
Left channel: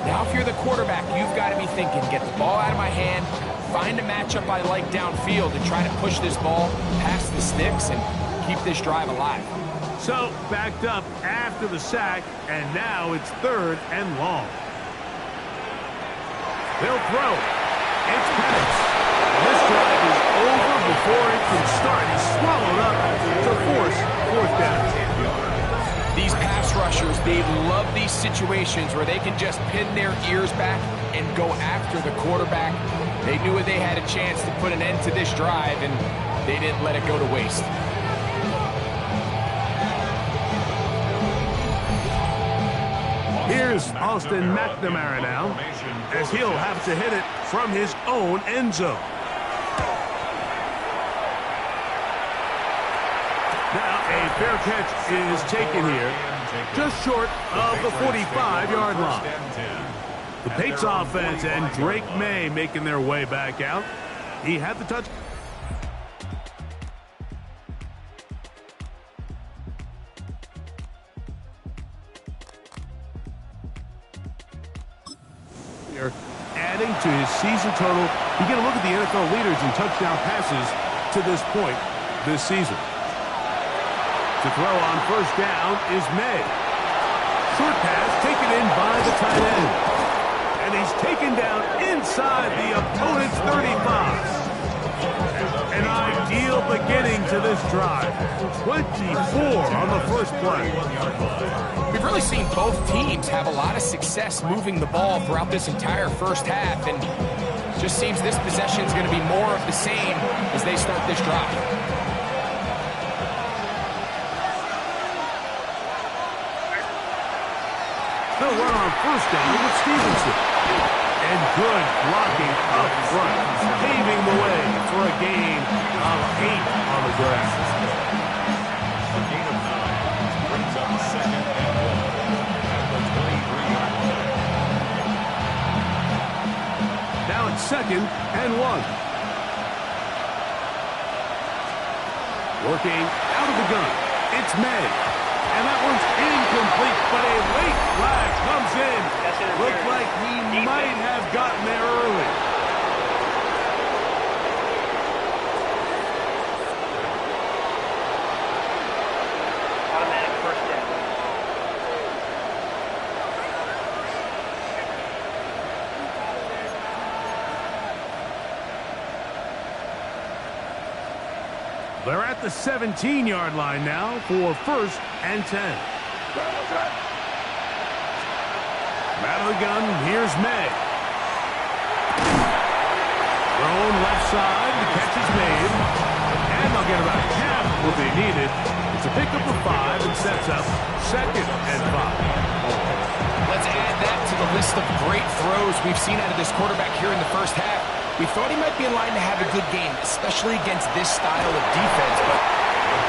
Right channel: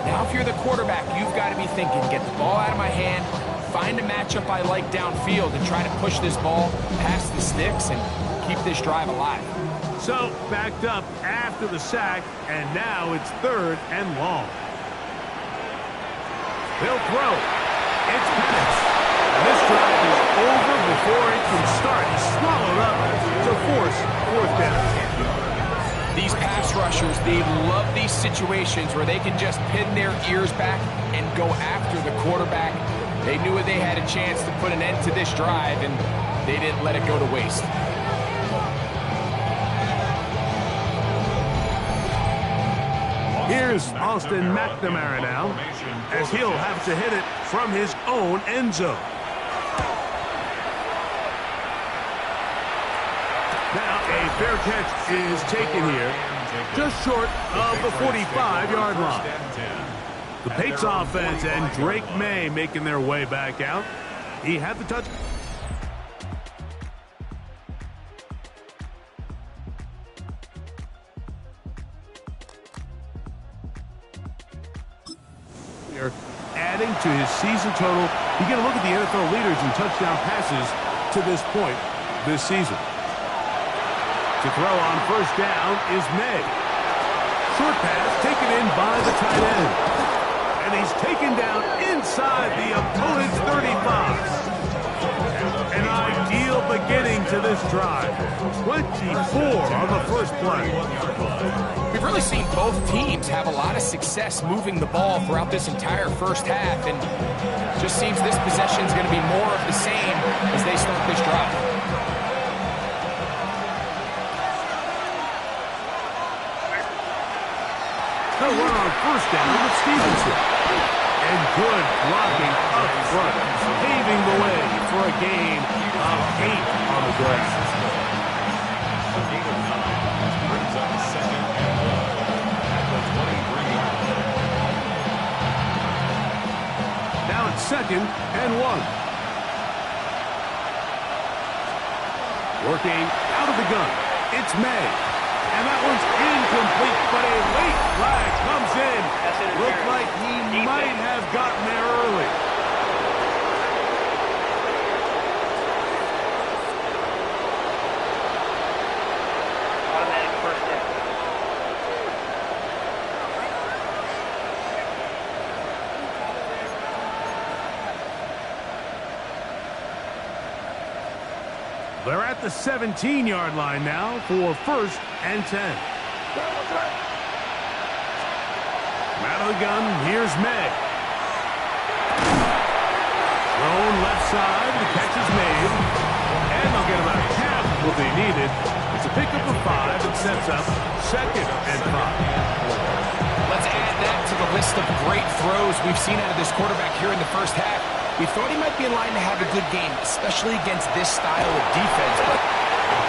now if you're the quarterback, you've got to be thinking, get the ball out of my hand, find a matchup I like downfield, and try to push this ball past the sticks and keep this drive alive. So, backed up after the sack, and now it's 3rd and long. They'll throw. It's Penix. And this drive is over before it can start. He's swallowed up to force 4th down. These pass rushers, they love these situations where they can just pin their ears back and go after the quarterback. They knew they had a chance to put an end to this drive, and they didn't let it go to waste. Here's Austin McNamara now, as he'll have to hit it from his own end zone. Now a fair catch is taken here, just short of the 45-yard line. The Patriots offense and Drake May making their way back out. He had the touch. Adding to his season total. You get a look at the NFL leaders in touchdown passes to this point this season. To throw on 1st down is May. Short pass taken in by the tight end. And he's taken down inside the opponent's 35. An ideal beginning to this drive. 24 on the first play. We've really seen both teams have a lot of success moving the ball throughout this entire first half, and just seems this possession is going to be more of the same as they start this drive. They'll run on 1st down with Stevenson. And good blocking up front, paving the way for a gain of 8 on the ground. A gain of 9 brings up 2nd and 1 at the 23-yard line. Now it's 2nd and 1. Working out of the gun. It's May. And that one's incomplete, but a late flag comes in. Looked like he might have gotten there early. Automatic 1st down. They're at the 17-yard line now for 1st and 10. Out of the gun, here's May. Thrown left side, the catch is made. And they'll get about half of what they needed. It's a pickup of 5 and sets up 2nd and 5. Let's add that to the list of great throws we've seen out of this quarterback here in the first half. We thought he might be in line to have a good game, especially against this style of defense, but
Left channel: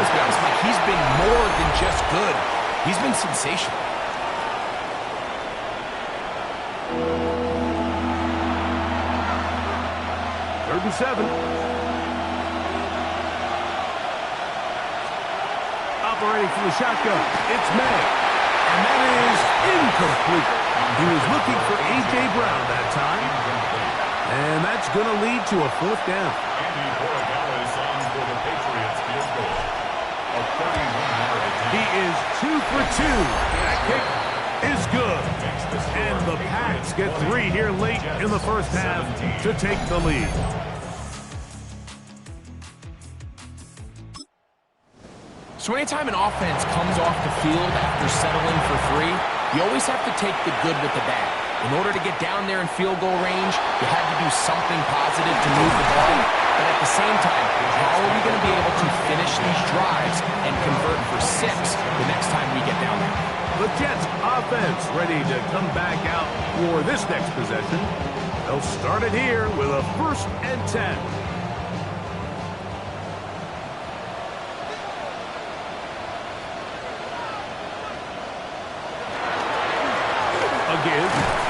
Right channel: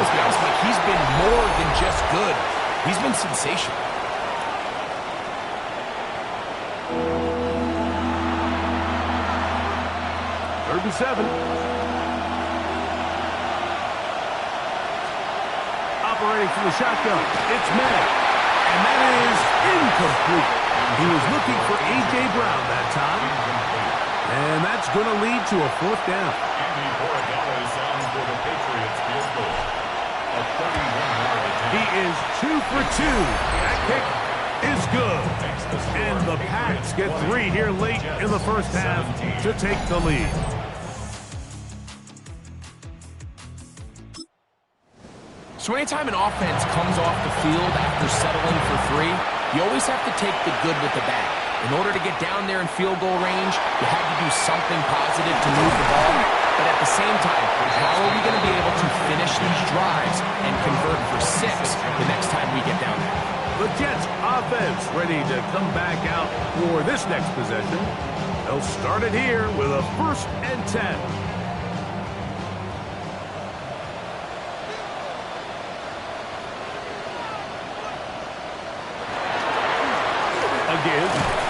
let's be honest, Mike, he's been more than just good. He's been sensational. Third and 7. Operating from the shotgun, it's May. And that is incomplete. He was looking for A.J. Brown that time. And that's going to lead to a 4th down. Andy Borregales on for the Patriots field goal. A 31-yard attempt. He is 2 for 2. That kick is good. And the Pats get 3 here late in the first half to take the lead. So anytime an offense comes off the field after settling for 3, you always have to take the good with the bad. In order to get down there in field goal range, you had to do something positive to move the ball. But at the same time, how are we going to be able to finish these drives and convert for 6 the next time we get down there? The Jets offense ready to come back out for this next possession. They'll start it here with a 1st and 10. Give.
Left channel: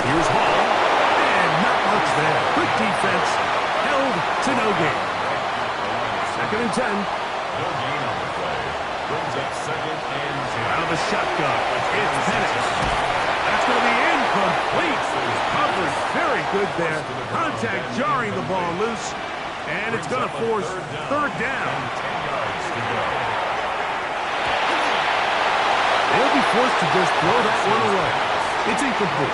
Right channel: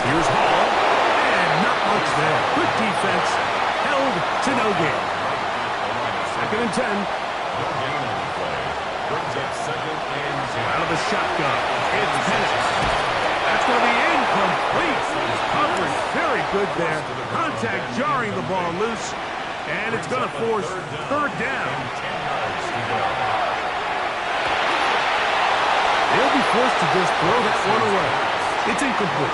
Here's Hall. And not much there. Good defense. Held to no gain. Second and 10. No gain on the play. Brings up second and 10. Out of the shotgun, it's Penix. That's going to be incomplete. Coverage very good there. Contact jarring the ball loose. And it's going to force third down. 10 yards to go. They'll be forced to just throw that one away. It's incomplete.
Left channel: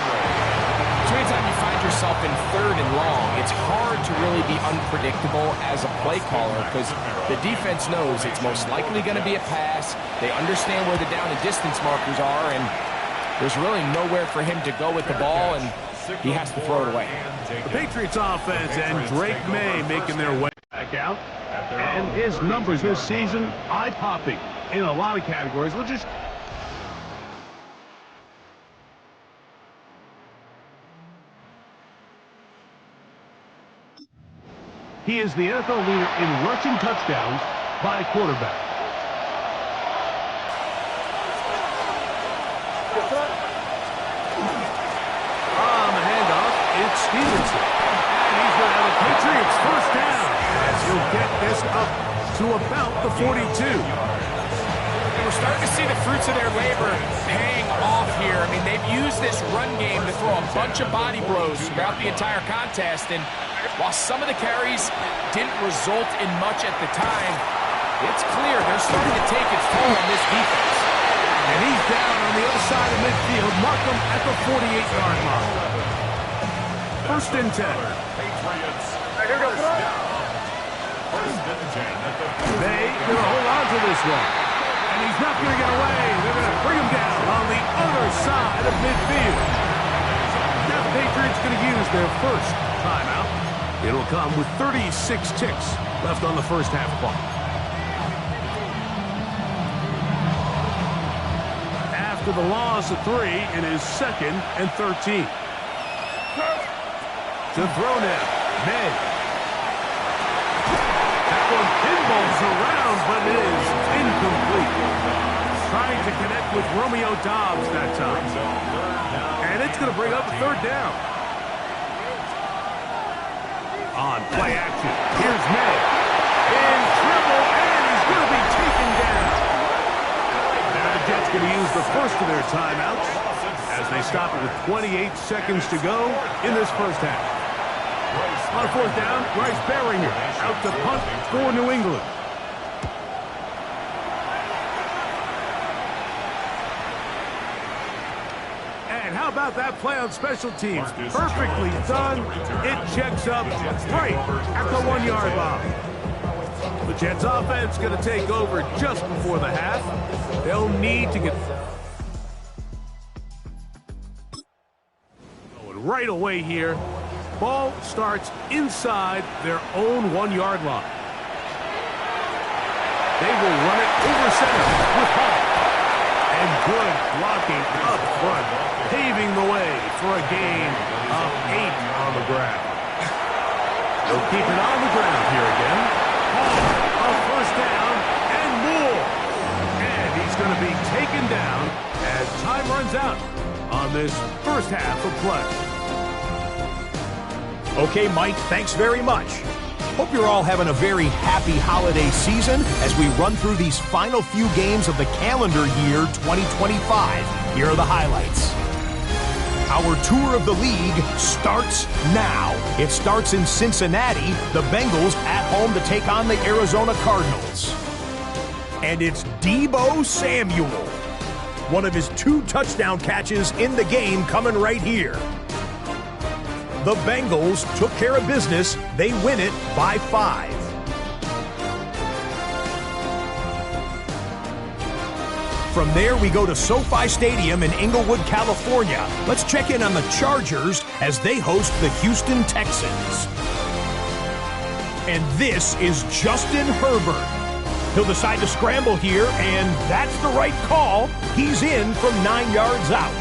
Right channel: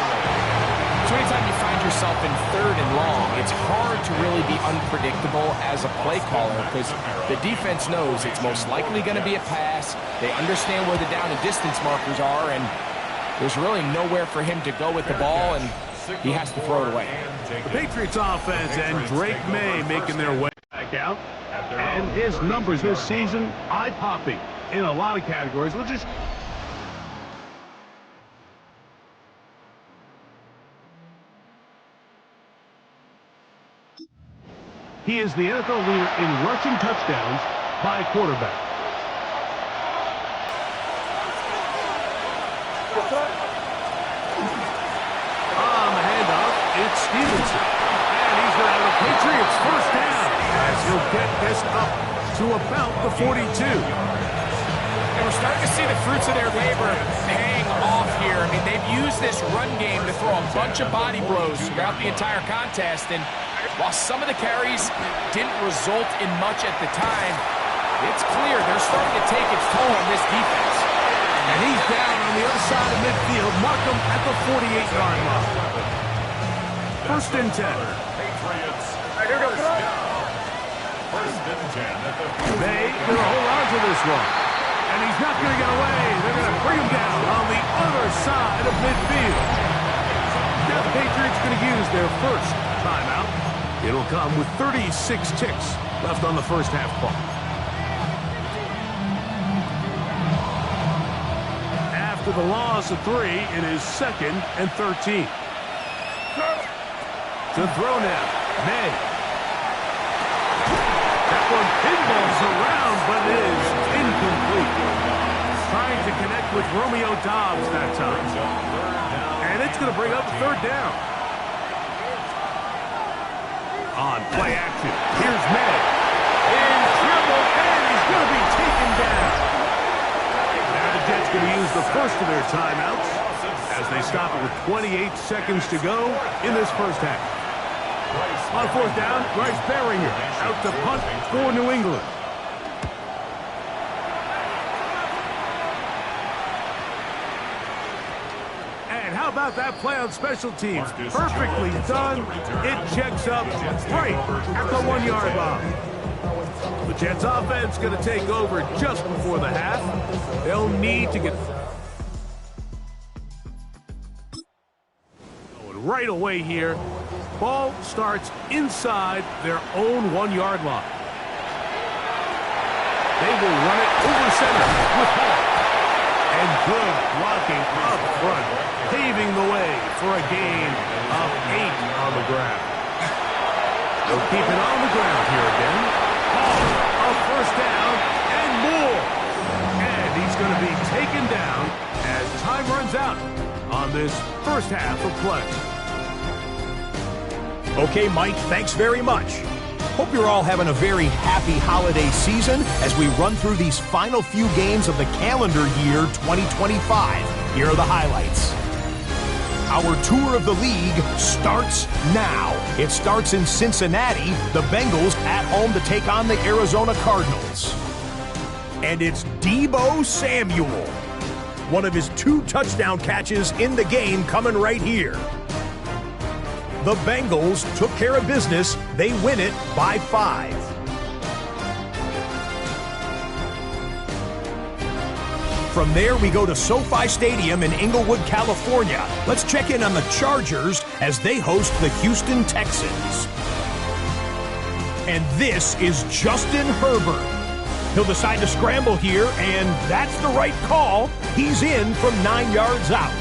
So anytime you find yourself in third and long, it's hard to really be unpredictable as a play caller because the defense knows it's most likely going to be a pass. They understand where the down and distance markers are, and there's really nowhere for him to go with the ball, and he has to throw it away. The Patriots offense and Drake May making their way back out. And his numbers this season, eye-popping in a lot of categories. We'll just... He is the NFL leader in rushing touchdowns by a quarterback. On the handoff, it's Stevenson. And he's going to have the Patriots first down as he'll get this up to about the 42. And we're starting to see the fruits of their labor paying off here. I mean, they've used this run game to throw a bunch of body blows throughout the entire contest, and while some of the carries didn't result in much at the time, it's clear they're starting to take its toll on this defense. And he's down on the other side of midfield. Mark him at the 48-yard mark. First and 10. Patriots. First down. First and 10 at the 48. They going to hold on to this one. And he's not going to get away. They're going to bring him down on the other side of midfield. Now the Patriots going to use their first timeout. It'll come with 36 ticks left on the first half clock. After the loss of 3, it is second and 13. To throw now, May. That one pinballs around, but it is incomplete. Trying to connect with Romeo Doubs that time. And it's going to bring up a third down. On play action, here's May. In trouble, and he's going to be taken down. Now the Jets going to use the first of their timeouts as they stop it with 28 seconds to go in this first half. On fourth down, Bryce Baringer out to punt for New England. And how about that play on special teams? Perfectly done. It checks up right at the 1-yard line. The Jets offense going to take over just before the half. They'll need to get going right away here. Ball starts inside their own 1-yard line. They will run it over center with Hall. And good blocking up front, paving the way for a gain of 8 on the ground. They'll keep it on the ground here again. Hall, a first down and more. And he's going to be taken down as time runs out on this first half of play. Okay, Mike, thanks very much. Hope you're all having a very happy holiday season as we run through these final few games of the calendar year 2025. Here are the highlights. Our tour of the league starts now. It starts in Cincinnati, the Bengals at home to take on the Arizona Cardinals. And it's Deebo Samuel. One of his 2 touchdown catches in the game coming right here. The Bengals took care of business. They win it by 5. From there, we go to SoFi Stadium in Inglewood, California. Let's check in on the Chargers as they host the Houston Texans. And this is Justin Herbert. He'll decide to scramble here, and that's the right call. He's in from 9 yards out.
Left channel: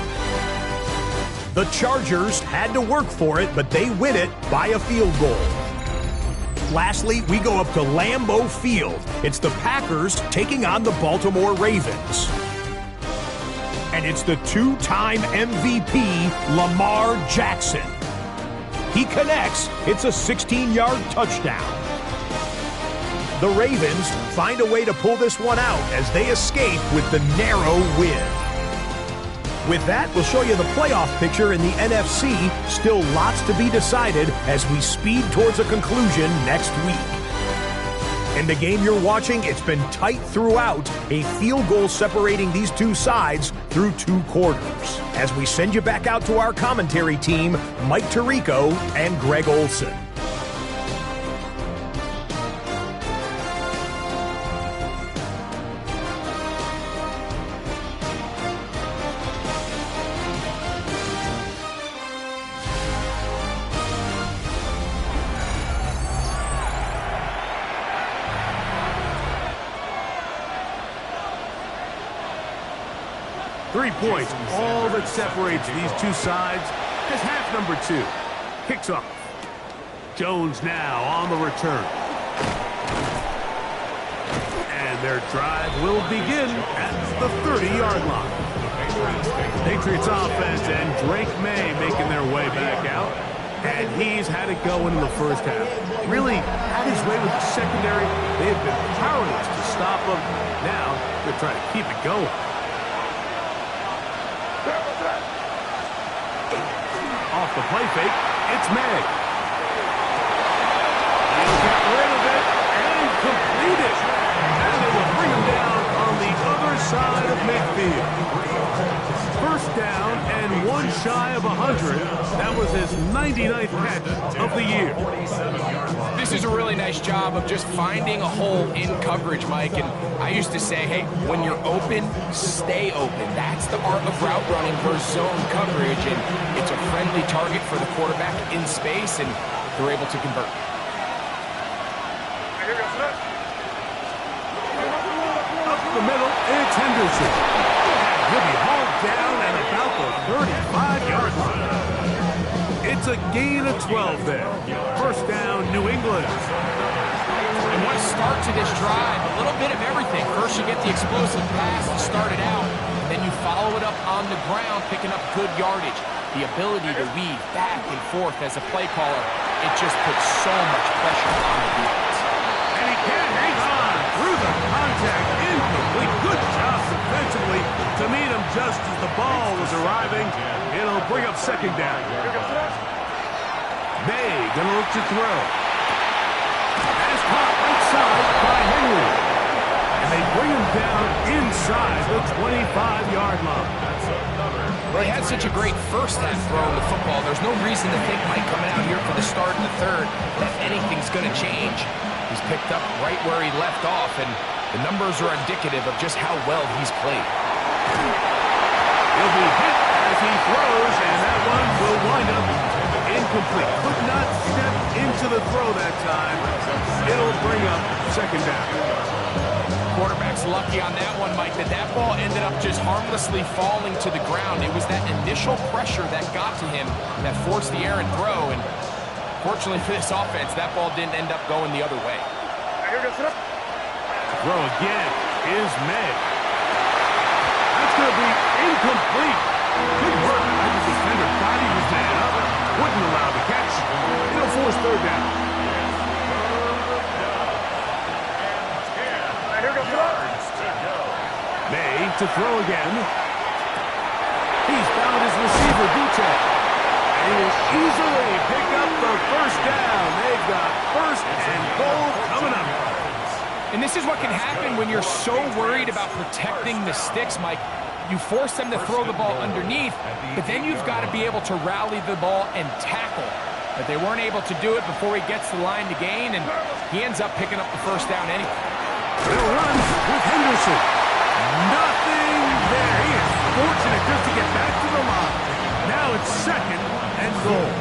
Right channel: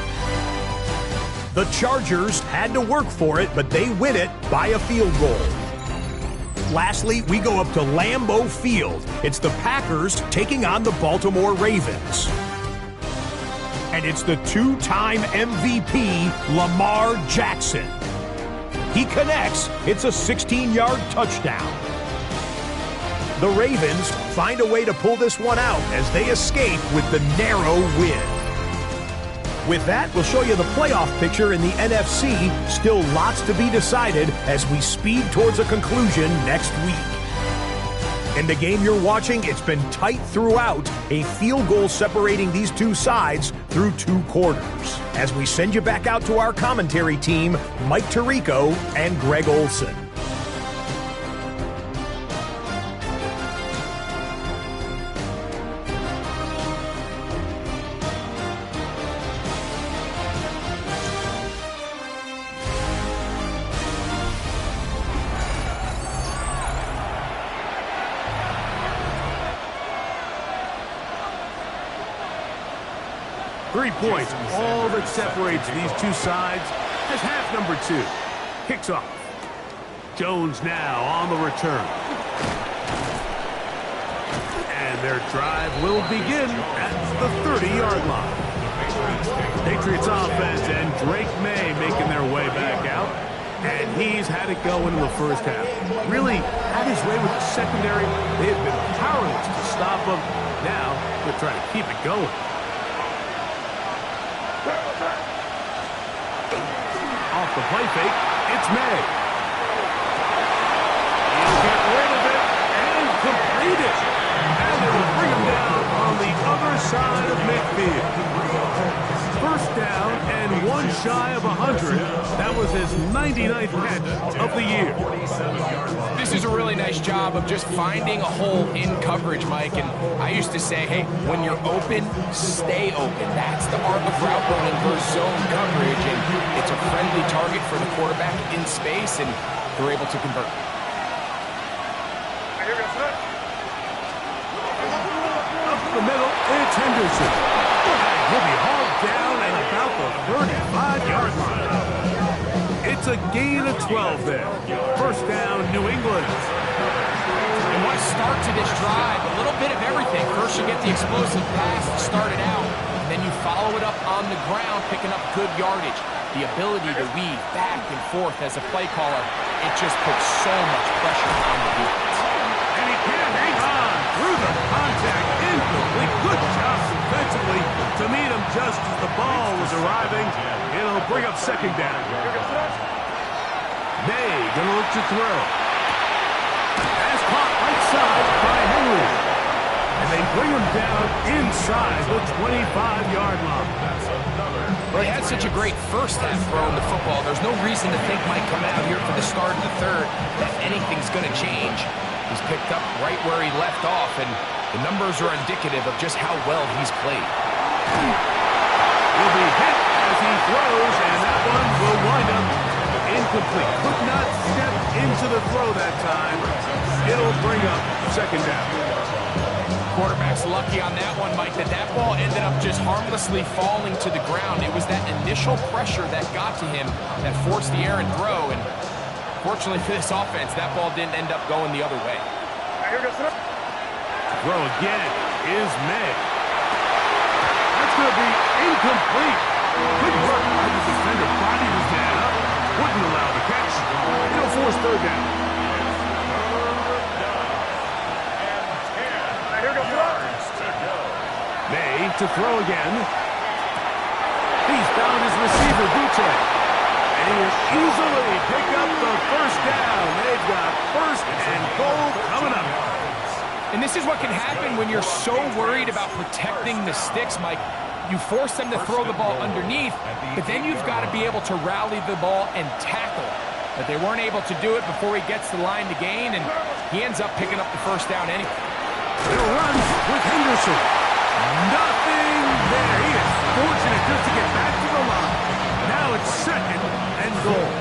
The Chargers had to work for it, but they win it by a field goal. Lastly, we go up to Lambeau Field. It's the Packers taking on the Baltimore Ravens. And it's the 2-time MVP, Lamar Jackson. He connects. It's a 16-yard touchdown. The Ravens find a way to pull this one out as they escape with the narrow win. With that, we'll show you the playoff picture in the NFC. Still lots to be decided as we speed towards a conclusion next week. In the game you're watching, it's been tight throughout, a field goal separating these two sides through 2 quarters. As we send you back out to our commentary team, Mike Tirico and Greg Olson. 3 points, all that separates these two sides as half number 2 kicks off. Jones now on the return. And their drive will begin at the 30-yard line. Patriots offense and Drake May making their way back out. And he's had it going in the first half. Really had his way with the secondary. They have been powerless to stop him. Now they're trying to keep it going. Off the play fake, it's May. He'll get rid of it and complete it. And it will bring him down on the other side of midfield. First down and 1 shy of 100. That was his 99th catch of the year. This is a really nice job of just finding a hole in coverage, Mike. And I used to say, hey, when you're open, stay open. That's the art of route running versus zone coverage. And it's a friendly target for the quarterback in space, and they're able to convert. Up the middle, it's Henderson. And he'll be hauled down at about the 35-yard line. It's a gain of 12 there. First down, New England. And what a start to this drive. A little bit of everything. First you get the explosive pass to start it out. Then you follow it up on the ground, picking up good yardage. The ability to weave back and forth as a play caller, it just puts so much pressure on the defense. And he can't hang on through the contact. Incomplete. Good job defensively to meet him just as the ball was arriving. It'll bring up second down. May gonna look to throw. Pass caught right side by Henry. And they bring him down inside the 25-yard line. Well, he had such a great first half throwing the football. There's no reason to think Mike coming out here for the start of the third that anything's going to change. He's picked up right where he left off, and the numbers are indicative of just how well he's played. He'll be hit as he throws, and that one will wind up incomplete. Could not step into the throw that time. It'll bring up second down. Quarterback's lucky on that one, Mike, that ball ended up just harmlessly falling to the ground. It was that initial pressure that got to him that forced the errant throw, and fortunately for this offense, that ball didn't end up going the other way. Throw again is May. That's going to be incomplete. Good work by the defender. Body was man up. Wouldn't allow the catch. It'll force third down. May to throw again. He's found his receiver, Butte. And he will easily pick up the first down. They've got first and goal coming up. And this is what can happen when you're so worried about protecting the sticks, Mike. You force them to throw the ball underneath, but then you've got to be able to rally the ball and tackle. But they weren't able to do it before he gets the line to gain, and he ends up picking up the first down anyway. They'll run with Henderson. Nothing there. He is fortunate just to get back to the line. Now it's second and goal.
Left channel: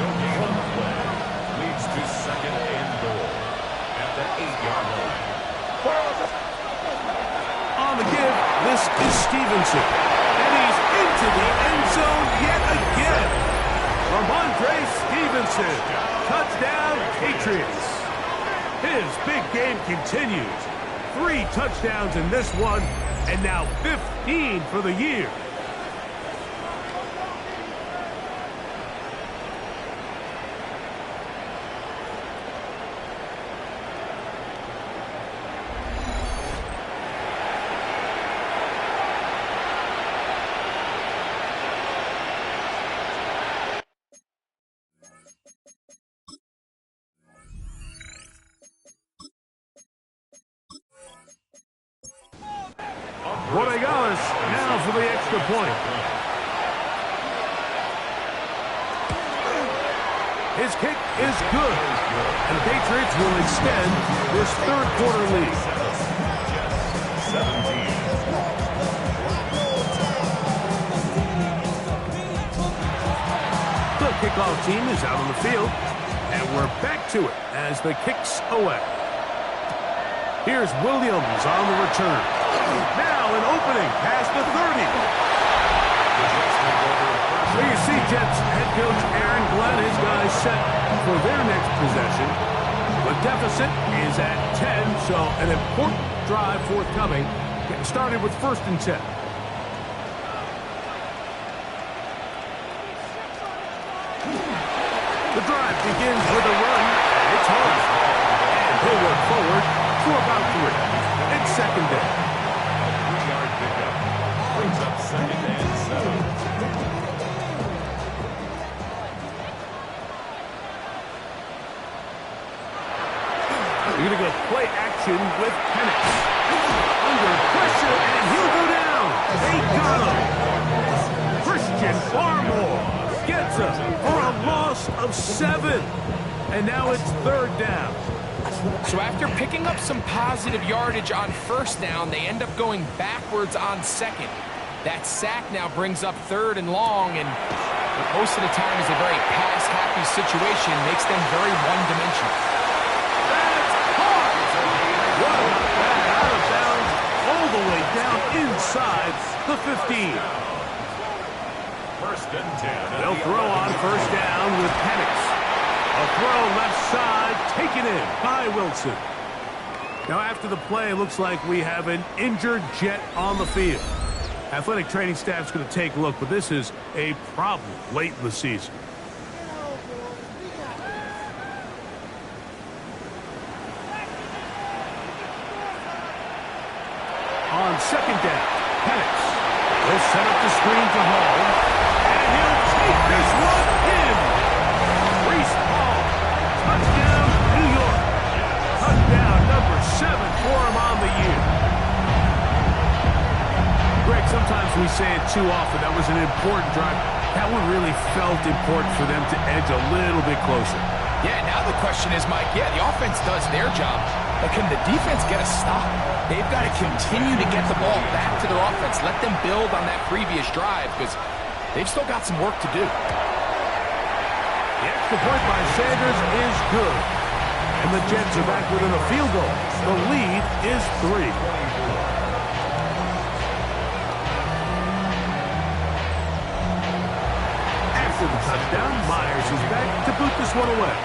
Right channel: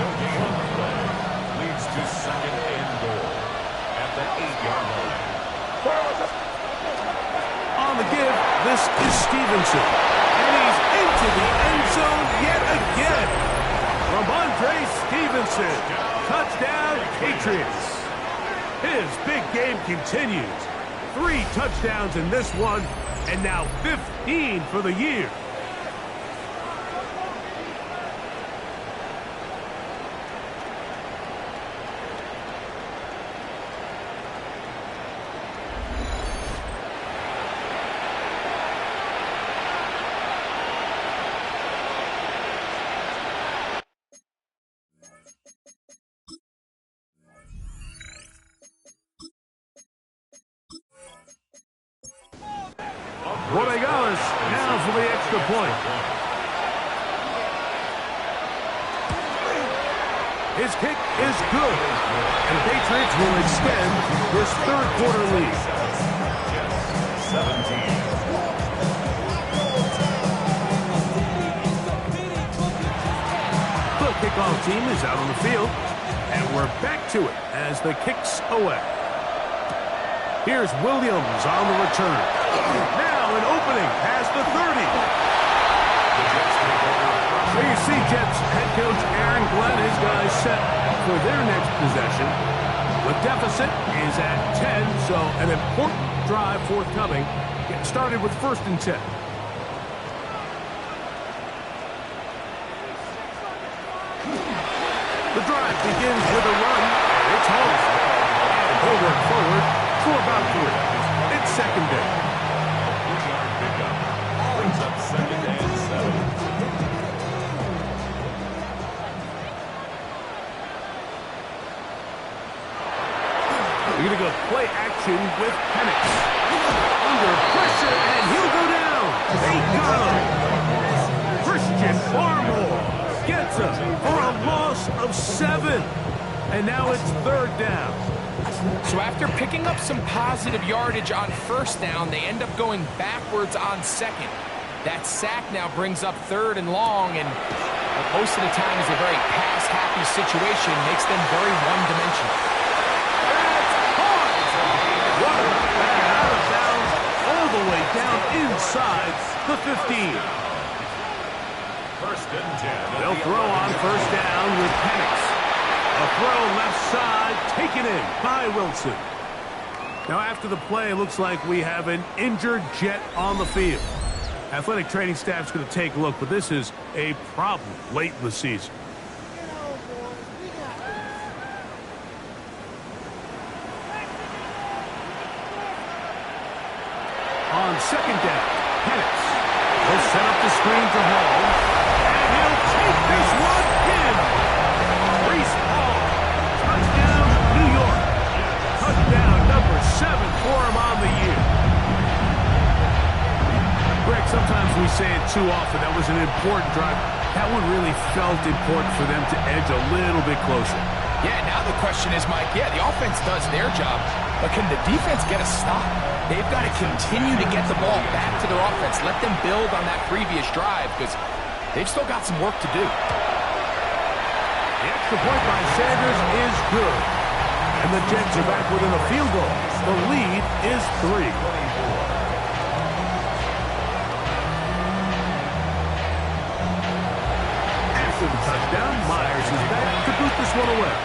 No gain on the play. Leads to second and goal at the 8-yard line. On the give, this is Stevenson. And he's into the end zone yet again. Ramondre Stevenson. Touchdown, Patriots. His big game continues. 3 touchdowns in this one, and now 15 for the year. extra point. His kick is good, and the Patriots will extend this third quarter lead. Jets 17. The kickoff team is out on the field, and we're back to it as the kick's away. Here's Williams on the return. Now an opening past the 30. The Jets take over first. So you see Jets head coach Aaron Glenn, his guys set for their next possession. The deficit is at 10, so an important drive forthcoming. Getting started with 1st and 10. The drive begins with a run, and it's home. And he'll work forward for about 3. It's 2nd down. A 3-yard pickup. Brings up 2nd and 7. We're going to go play action with Penix. Under pressure, and he'll go down. They got him. Christian Barmore gets him for a loss of 7. And now it's 3rd down. So after picking up some positive yardage on 1st down, they end up going backwards on 2nd. That sack now brings up 3rd and long, and most of the time is a very pass-happy situation, makes them very one-dimensional. That's hard. What about that? Out of bounds, all the way down inside the 15. 1st and 10. They'll throw on 1st down with Penix. A throw left side, taken in by Wilson. Now after the play, it looks like we have an injured Jet on the field. Athletic training staff's going to take a look, but this is a problem late in the season. On 2nd down, Penix. He'll set up the screen to Hall, and he'll take this one in. Reese Hall, touchdown, New York. Touchdown number 7 for him on the year. Greg, sometimes we say it too often. That was an important drive. That one really felt important for them to edge a little bit closer. Yeah, now the question is, Mike, yeah, the offense does their job, but can the defense get a stop? They've got to continue to get the ball back to their offense. Let them build on that previous drive because they've still got some work to do. The extra point by Sanders is good. And the Jets are back within a field goal. The lead is 3. After the touchdown, Myers is back to boot this one away.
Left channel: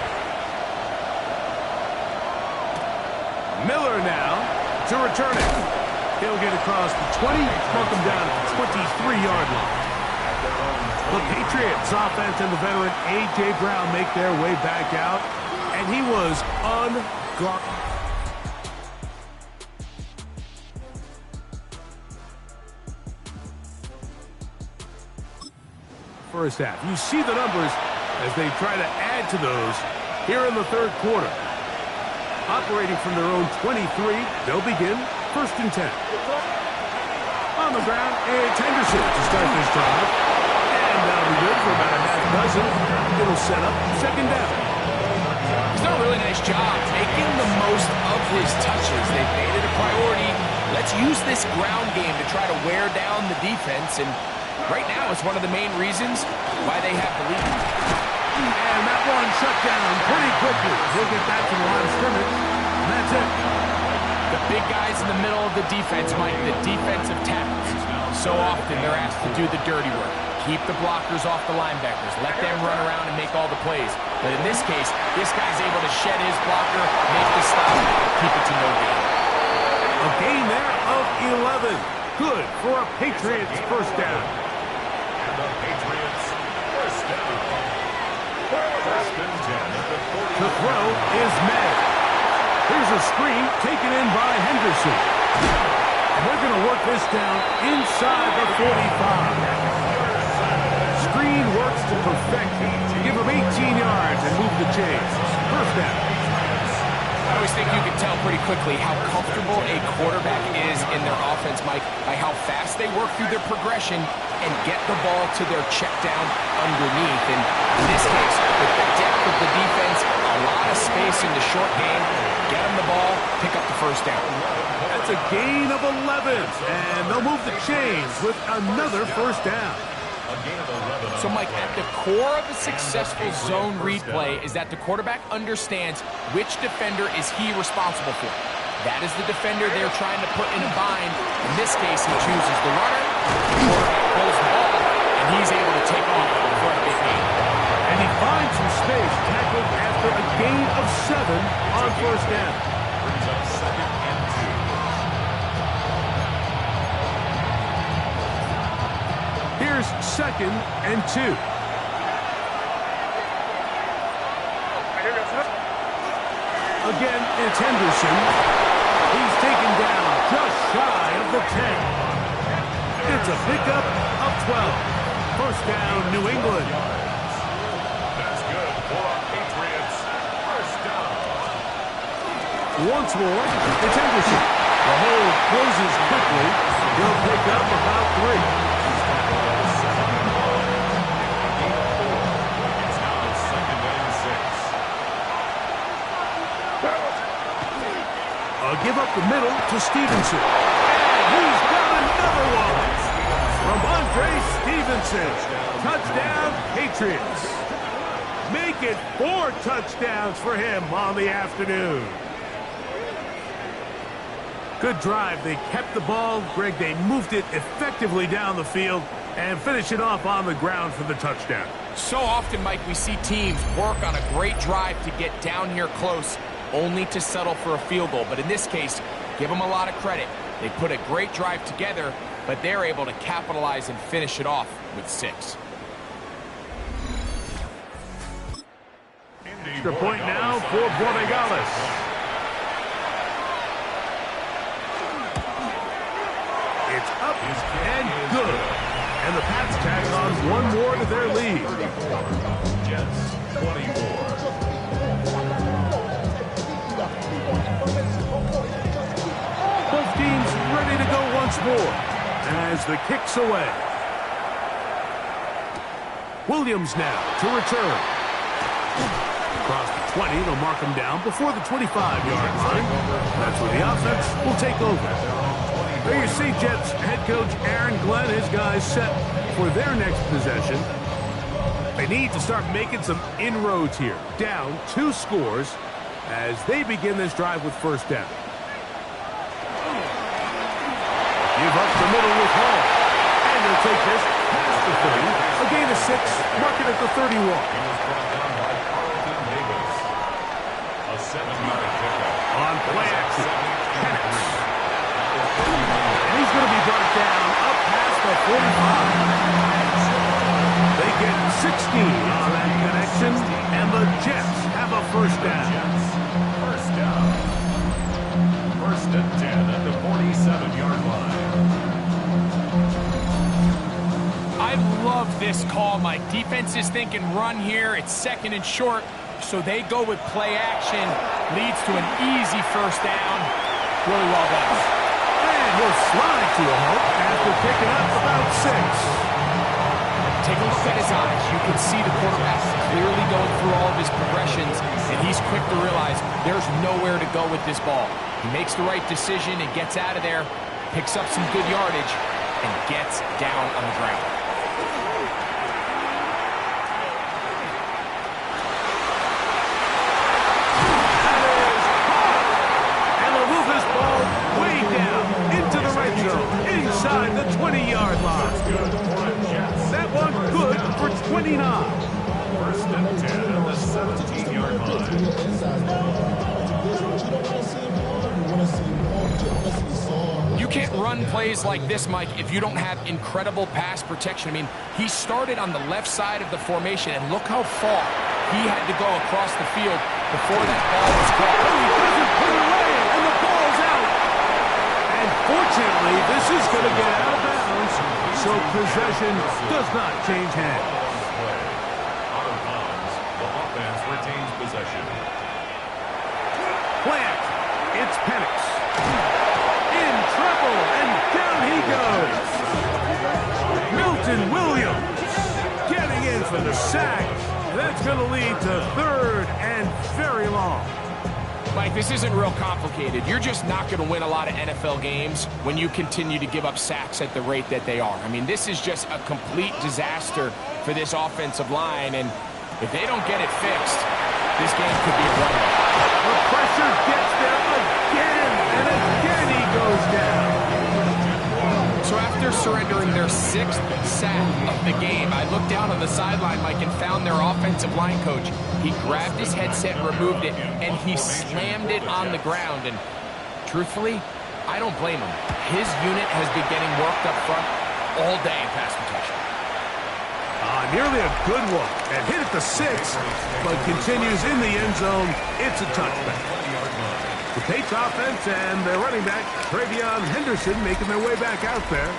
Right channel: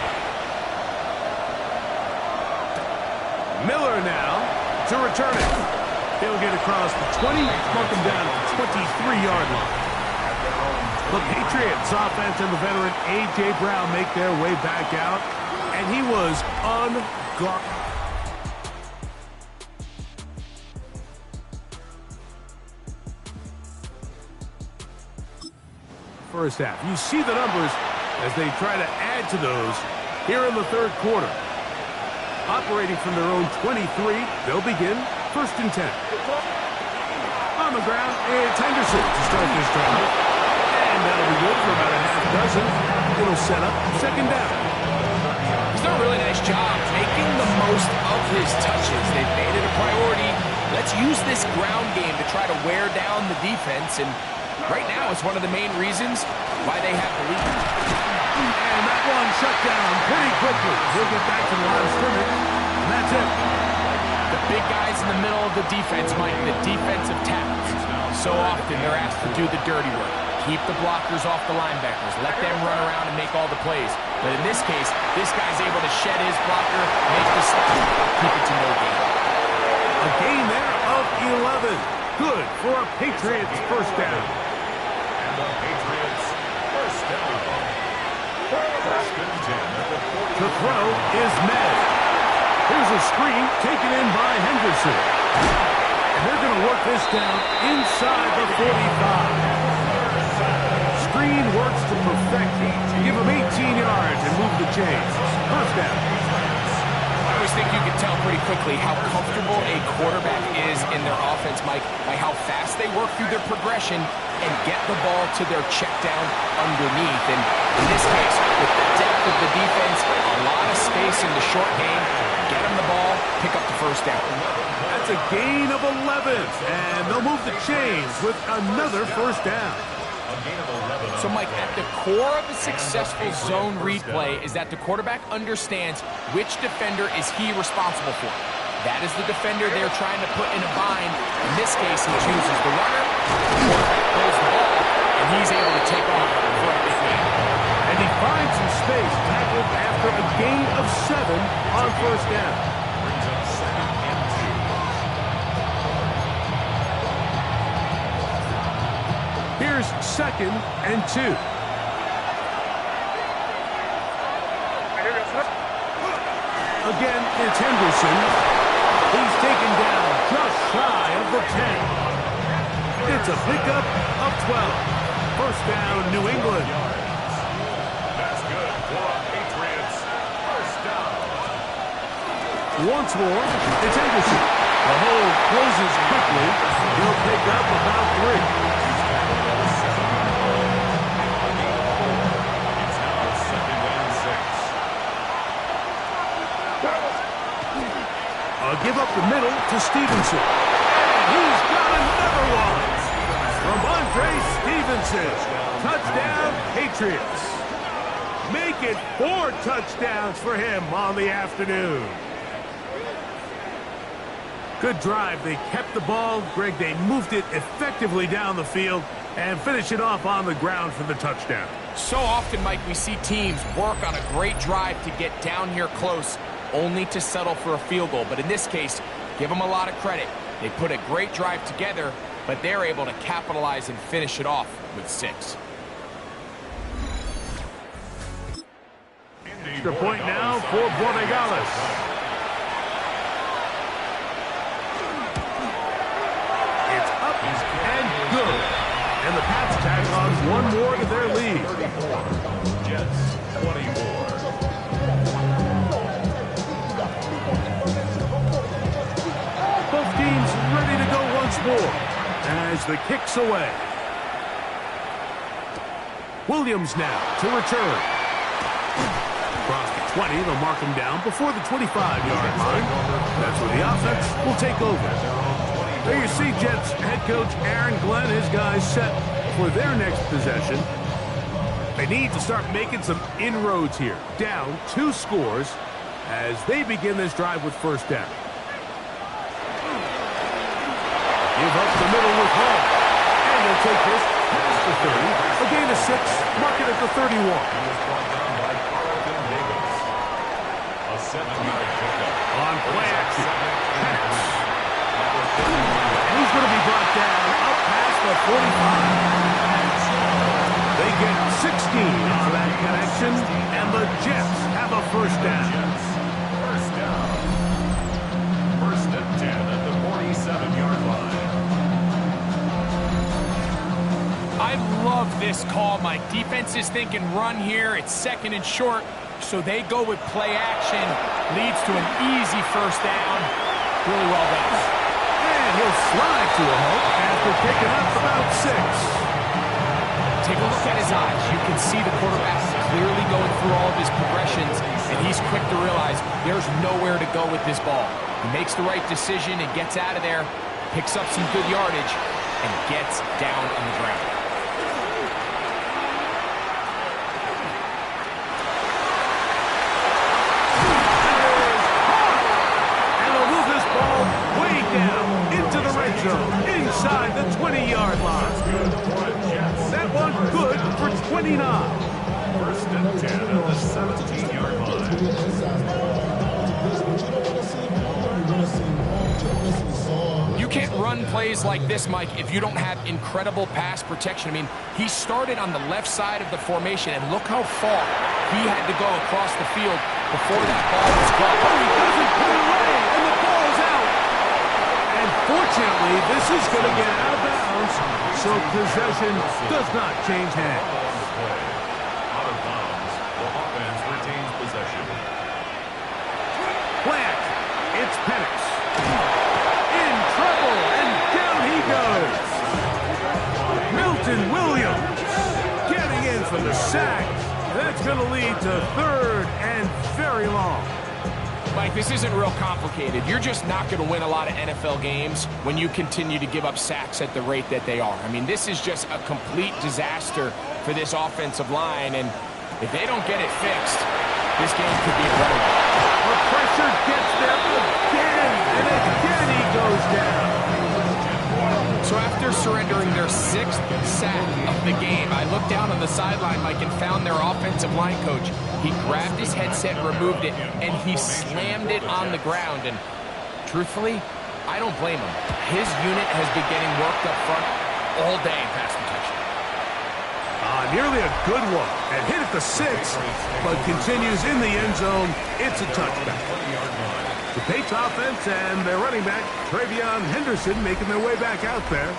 Miller now to return it. He'll get across the 20, mark him down at the 23-yard line. The Patriots offense and the veteran A.J. Brown make their way back out, and he was unguarded. First half. You see the numbers as they try to add to those here in the 3rd quarter. Operating from their own 23, they'll begin 1st and 10. On the ground, it's Henderson to start this drive. And that'll be good for about a half dozen. It'll set up 2nd down. He's done a really nice job making the most of his touches. They've made it a priority. Let's use this ground game to try to wear down the defense, and right now it's one of the main reasons why they have the lead. And that one shut down pretty quickly. He'll get back to the line of scrimmage, and that's it. The big guys in the middle of the defense, Mike, the defensive tackles. So often they're asked to do the dirty work. Keep the blockers off the linebackers. Let them run around and make all the plays. But in this case, this guy's able to shed his blocker, make the stop, keep it to no gain. A gain there of 11. Good for a Patriots 1st down. And the Patriots 1st down. 1st and 10 at the 40. The throw is Med. Here's a screen taken in by Henderson. And they're going to work this down inside the 45. Screen works to perfection. Give him 18 yards and move the chains. 1st down. always think you can tell pretty quickly how comfortable a quarterback is in their offense, Mike, by how fast they work through their progression and get the ball to their check down underneath. And in this case, with the depth of the defense, a lot of space in the short game, get them the ball, pick up the first down. That's a gain of 11, and they'll move the chains with another first down. So, Mike, at the core of a successful zone read play is that the quarterback understands which defender is he responsible for. That is the defender they're trying to put in a bind. In this case, he chooses the runner, the quarterback pulls the ball, and he's able to take off for a big gain. And he finds some space, tackled after a gain of 7 on first down. Brings up 2nd and 2. Here's 2nd and 2. Again, it's Henderson. He's taken down just shy of the 10. It's a pickup of 12. First down, New England. That's good for a Patriots first down. Once more, it's Henderson. The hole closes quickly. He'll pick up about 3. He's tackled at the 7-yard line. A gain of 4. It's now 2nd and 6. A give up the middle to Stevenson. And he's got another one. Ramondre Stevenson. Touchdown, Patriots. Make it 4 touchdowns for him on the afternoon. Good drive. They kept the ball. Greg, they moved it effectively down the field and finish it off on the ground for the touchdown. So often, Mike, we see teams work on a great drive to get down here close, only to settle for a field goal. But in this case, give them a lot of credit. They put a great drive together, but they're able to capitalize and finish it off with 6. Extra point now for Borregales. It's up and good. And the Pats tack on 1 more to their lead. 34. Jets 24. Both teams ready to go once more as the kick's away. Williams now to return. Across the 20, they'll mark him down before the 25-yard line. That's where the offense will take over. There you see Jets head coach Aaron Glenn, his guys set for their next possession. They need to start making some inroads here. Down 2 scores as they begin this drive with first down. Give up the middle with Hall. And they'll take this past the 30. A gain of 6, mark it at the 31. He was brought down by Carlton Davis. A 7-yard pickup. On play action. And he's going to be brought down up past the 45. They get 16 on that connection, and the Jets have a first down. First down. 1st and 10 at the 47-yard line. I love this call, Mike. Defense is thinking run here. It's 2nd and short, so they go with play action. Leads to an easy first down. Really well done. And he'll slide to a halt after picking up about 6. Take a look at his eyes. You can see the quarterback clearly going through all of his progressions, and he's quick to realize there's nowhere to go with this ball. He makes the right decision and gets out of there, picks up some good yardage, and gets down on the ground. That is hard! And they'll move this ball way down into the red zone, inside the 20-yard line. That one good for 29. 1st and 10 at the 17-yard line. You can't run plays like this, Mike, if you don't have incredible pass protection. I mean, he started on the left side of the formation, and look how far he had to go across the field before that ball was caught. Oh, he doesn't put it away, and the ball's out. And fortunately, this is going to get out of bounds, so possession does not change hands. Out of bounds, the offense retains possession. Play action. It's Penix. In trouble, and down he goes. Milton Williams getting in for the sack. And that's going to lead to 3rd and very long. Mike, this isn't real complicated. You're just not going to win a lot of NFL games when you continue to give up sacks at the rate that they are. I mean, this is just a complete disaster for this offensive line, and if they don't get it fixed, this game could be a runaway. The pressure gets there again, and again he goes down. So after surrendering their 6th sack of the game, I looked down on the sideline, Mike, and found their offensive line coach. He grabbed his headset, removed it, and he slammed it on the ground. And truthfully, I don't blame him. His unit has been getting worked up front all day in pass protection. Nearly a good one, and hit at the 6, but continues in the end zone. It's a touchback. The Patriots offense and their running back, Travion Henderson, making their way back out there.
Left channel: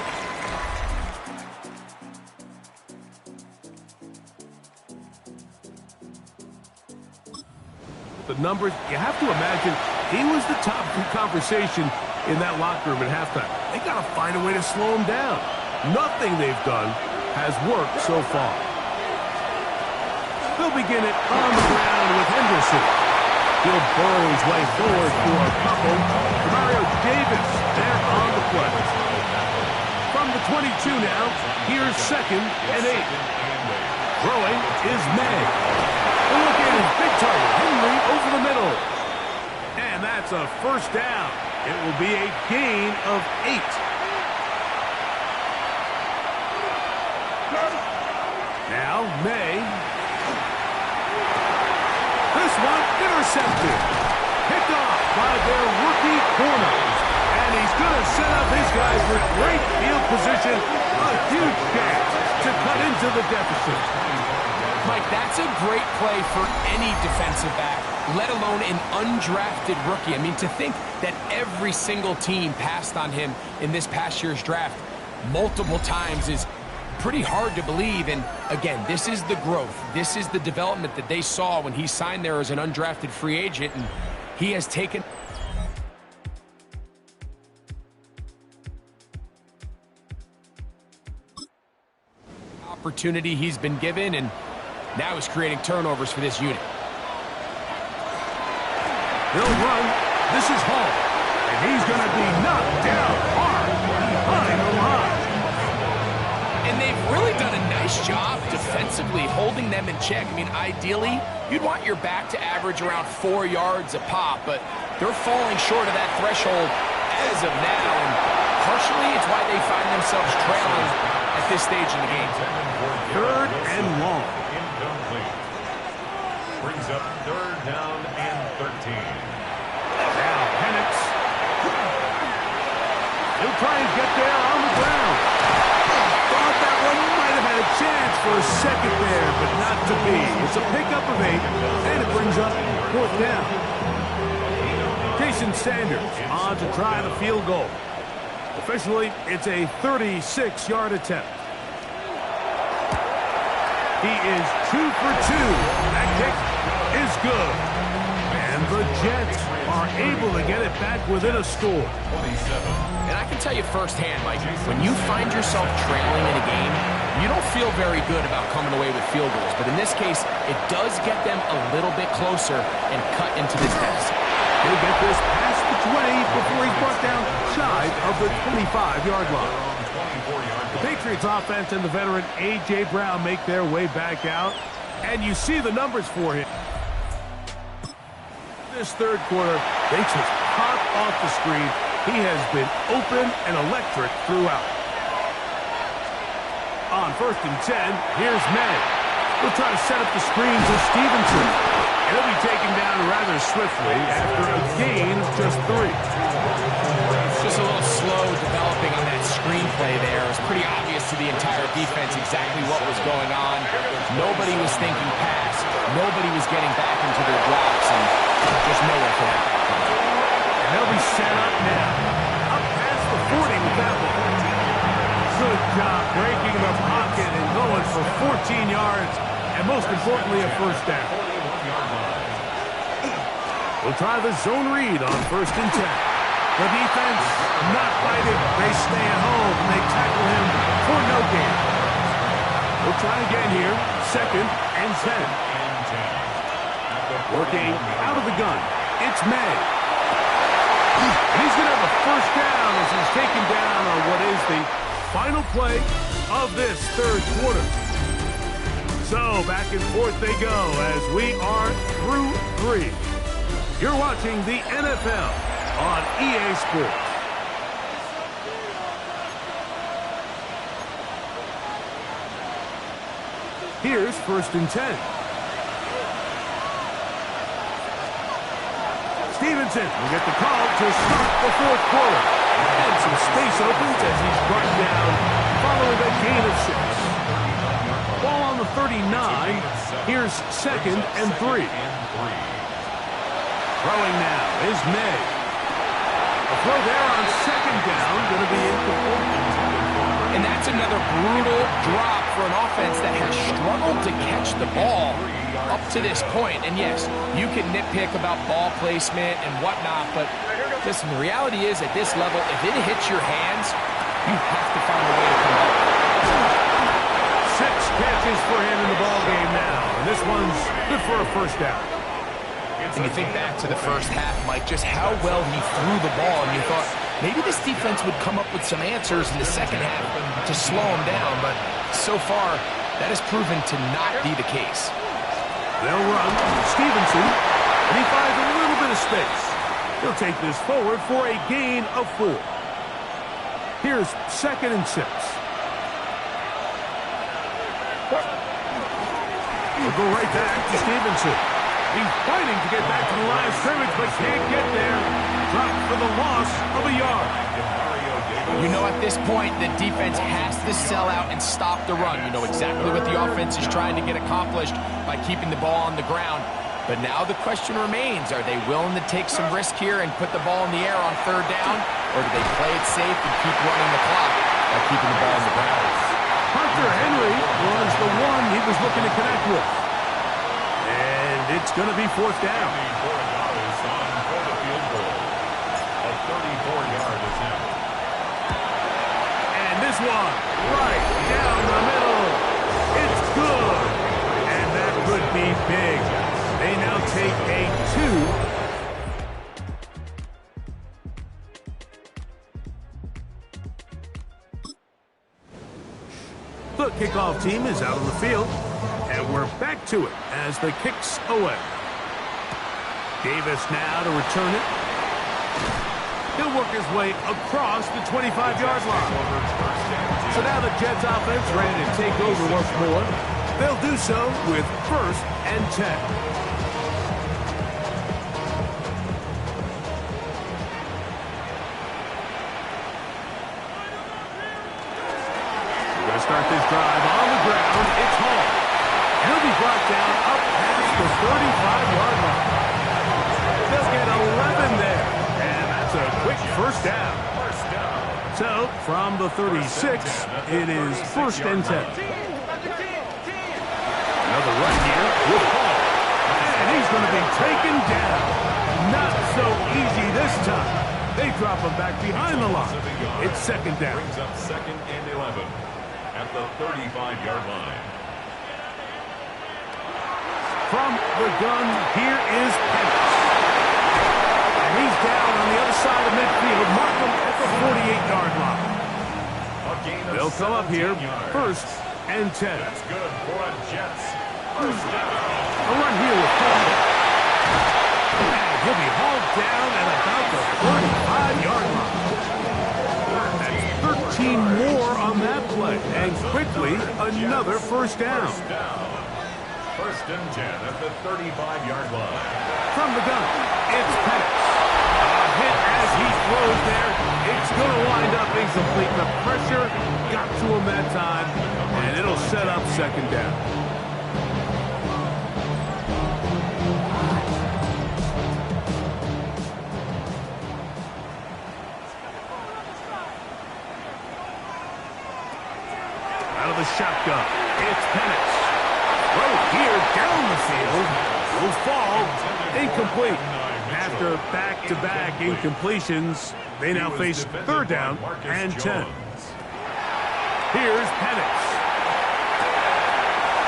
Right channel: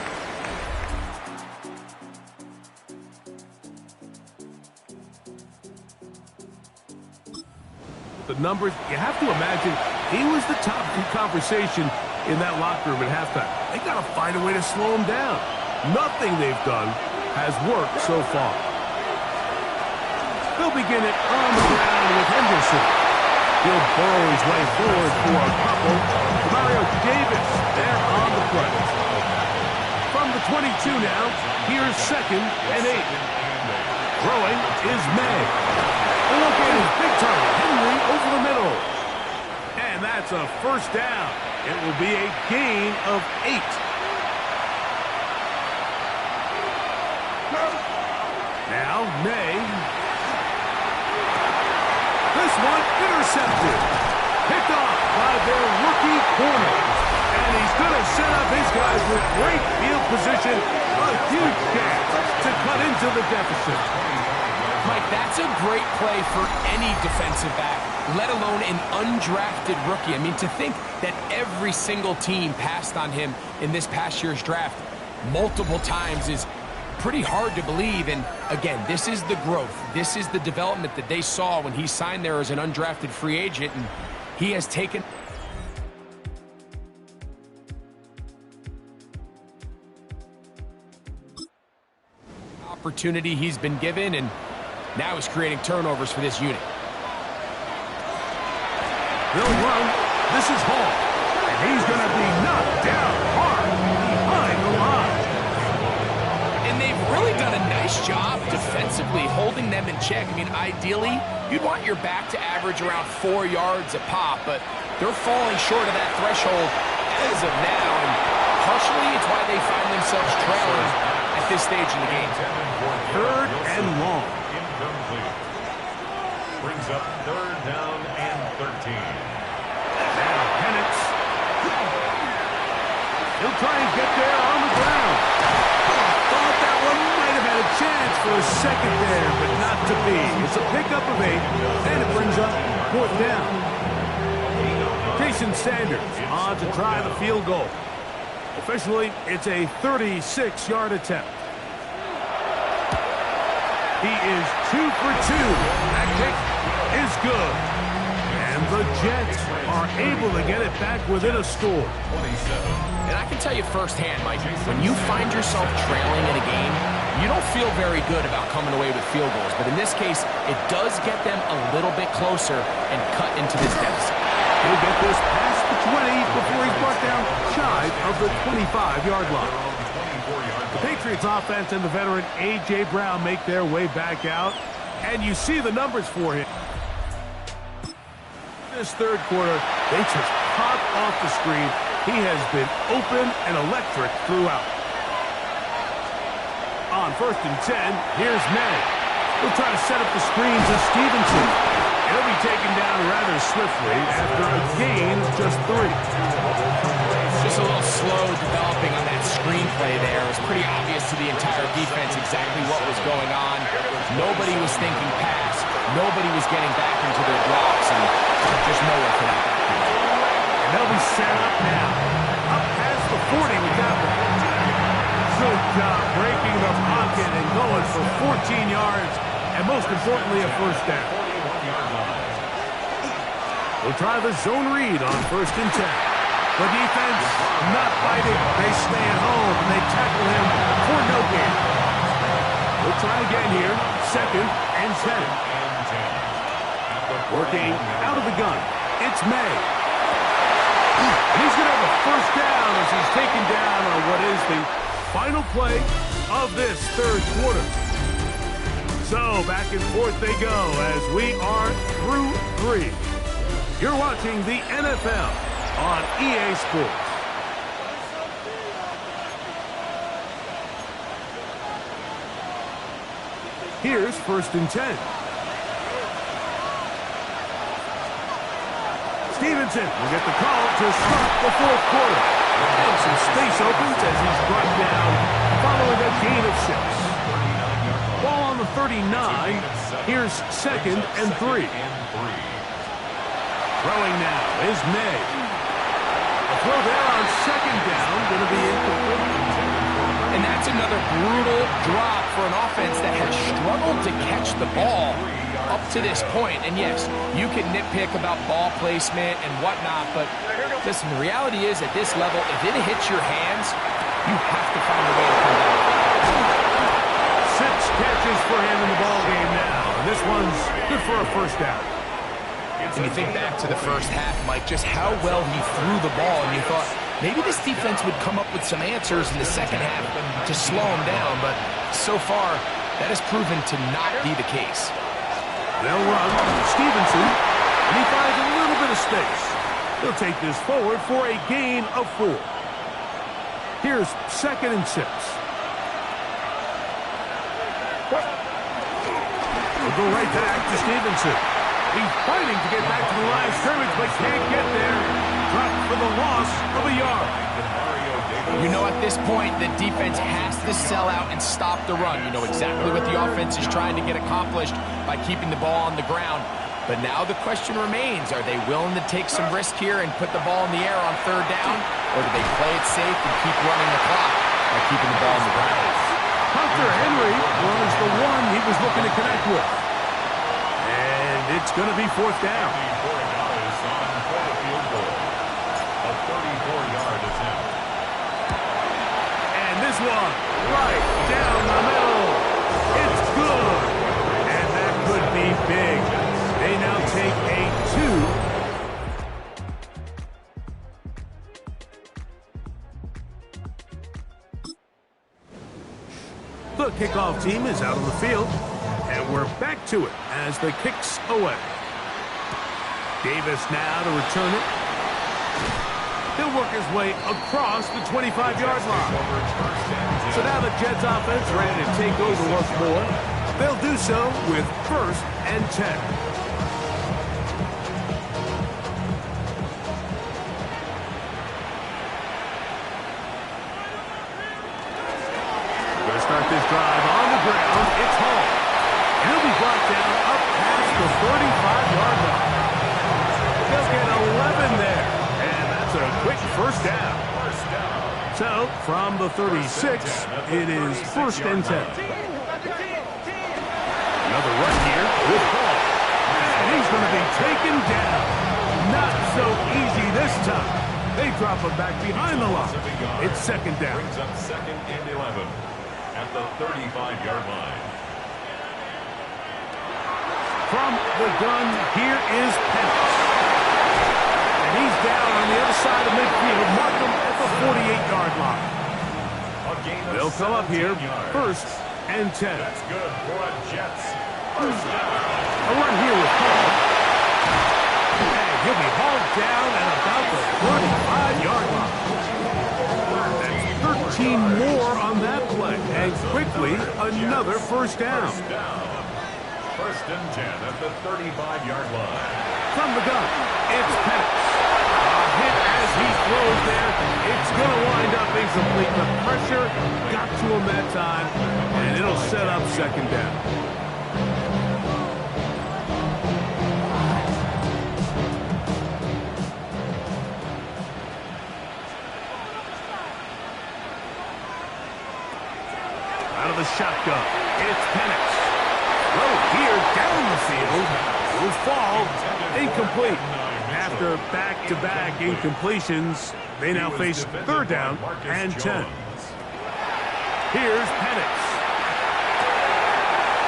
The numbers, you have to imagine he was the top conversation in that locker room at halftime. They got to find a way to slow him down. Nothing they've done has worked so far. They'll begin it on the ground with Henderson. He'll burrow his way forward for a couple. Mario Davis there on the play. From the 22 now, here's 2nd and 8. Throwing is May. The look at his big target, Henry, over the middle. And that's a 1st down. It will be a gain of 8. Now, May. This one intercepted. Picked off by their rookie corner. And he's going to set up his guys with great field position. A huge chance to cut into the deficit. Mike, that's a great play for any defensive back, let alone an undrafted rookie. I mean, to think that every single team passed on him in this past year's draft multiple times is pretty hard to believe. And again, this is the growth. This is the development that they saw when he signed there as an undrafted free agent, and he has taken opportunity he's been given, and now he's creating turnovers for this unit. They'll run. This is Hall. And he's going to be knocked down hard behind the line. And they've really done a nice job defensively holding them in check. I mean, ideally, you'd want your back to average around 4 yards a pop, but they're falling short of that threshold as of now. And partially, it's why they find themselves trailing at this stage in the game. 3rd and long. Incomplete. Brings up 3rd down and 13. Now Penix. He'll try and get there on the ground. Thought that one might have had a chance for a second there, but not to be. It's a pickup of 8, and it brings up 4th down. Jason Sanders on to try the field goal. Officially, it's a 36-yard attempt. He is 2 for 2. That kick is good. And the Jets are able to get it back within a score. And I can tell you firsthand, Mike, when you find yourself trailing in a game, you don't feel very good about coming away with field goals. But in this case, it does get them a little bit closer and cut into this deficit. He'll get this past the 20 before he's brought down shy of the 25-yard line. The Patriots offense and the veteran A.J. Brown make their way back out. And you see the numbers for him. This 3rd quarter, they just pop off the screen. He has been open and electric throughout. On 1st and 10, here's May. He'll try to set up the screen to Stevenson. And he'll be taken down rather swiftly after a gain of just 3. Just a little slow developing on that screenplay there. It was pretty obvious to the entire defense exactly what was going on. Nobody was thinking pass. Nobody was getting back into their blocks, and just nowhere for that back to go. And they'll be set up now. Up past the 40 with that one. Good job breaking the pocket and going for 14 yards, and most importantly, a 1st down. We'll try the zone read on 1st and 10. The defense not fighting. They stay at home, and they tackle him for no gain. We'll try again here. 2nd and 10. Working out of the gun. It's May. And he's going to have a 1st down as he's taken down on what is the final play of this 3rd quarter. So back and forth they go as we are through 3. You're watching the NFL on EA Sports. Here's 1st and 10. Stevenson will get the call to start the 4th quarter. And some space opens as he's brought down following a gain of 6. Ball on the 39. Here's 2nd and 3. Throwing now is May. A throw there on 2nd down, going to be incomplete. And that's another brutal drop for an offense that has struggled to catch the ball up to this point. And yes, you can nitpick about ball placement and whatnot, but listen, the reality is at this level, if it hits your hands, you have to find a way to come back. 6 catches for him in the ball game now, and this one's good for a 1st down. And you think back to the 1st half, Mike, just how well he threw the ball, and you thought maybe this defense would come up with some answers in the 2nd half to slow him down, but so far, that has proven to not be the case. They'll run Stevenson, and he finds a little bit of space. He'll take this forward for a gain of 4. Here's 2nd and 6. We'll go right back to Stevenson. He's fighting to get back to the line of scrimmage, but can't get there. Dropped for the loss of a yard. You know, at this point, the defense has to sell out and stop the run. You know exactly what the offense is trying to get accomplished by keeping the ball on the ground. But now the question remains, are they willing to take some risk here and put the ball in the air on 3rd down? Or do they play it safe and keep running the clock by keeping the ball on the ground? Hunter Henry was the one he was looking to connect with. And it's going to be 4th down. A 34-yard attempt. And this one, right down the middle. It's good. And that could be big. They now take a 2. The kickoff team is out on the field. And we're back to it as the kick's away. Davis now to return it. He'll work his way across the 25-yard line. So now the Jets offense ready to take over once more. They'll do so with 1st and 10. We're going to start this drive on the ground. It's Hall. He'll be brought down up past the 35-yard line. They'll get 11 there. And that's a quick 1st down. So, from the 36, it is 1st and 10. Another run here with Hall. And he's going to be taken down. Not so easy this time. They drop him back behind the line. It's 2nd down. Brings up 2nd and 11 at the 35-yard line. From the gun, here is Pettis. And he's down on the other side of midfield. Mark him at the 48-yard line. They'll come up here, yards. 1st and 10. That's good for a Jets 1st down. A run here with Hall. And he'll be hauled down at about the 35-yard line. That's 13 more on that play. And quickly, another 1st down. 1st and 10 at the 35-yard line. From the gun, it's Pettis. A hit as he throws there. It's going to wind up incomplete. The pressure got to him that time, and it'll set up 2nd down. Out of the shotgun, it's Pettis. Throw here down the field. Will fall incomplete. After back-to-back incompletions, they now face third down and 10. Here's Penix.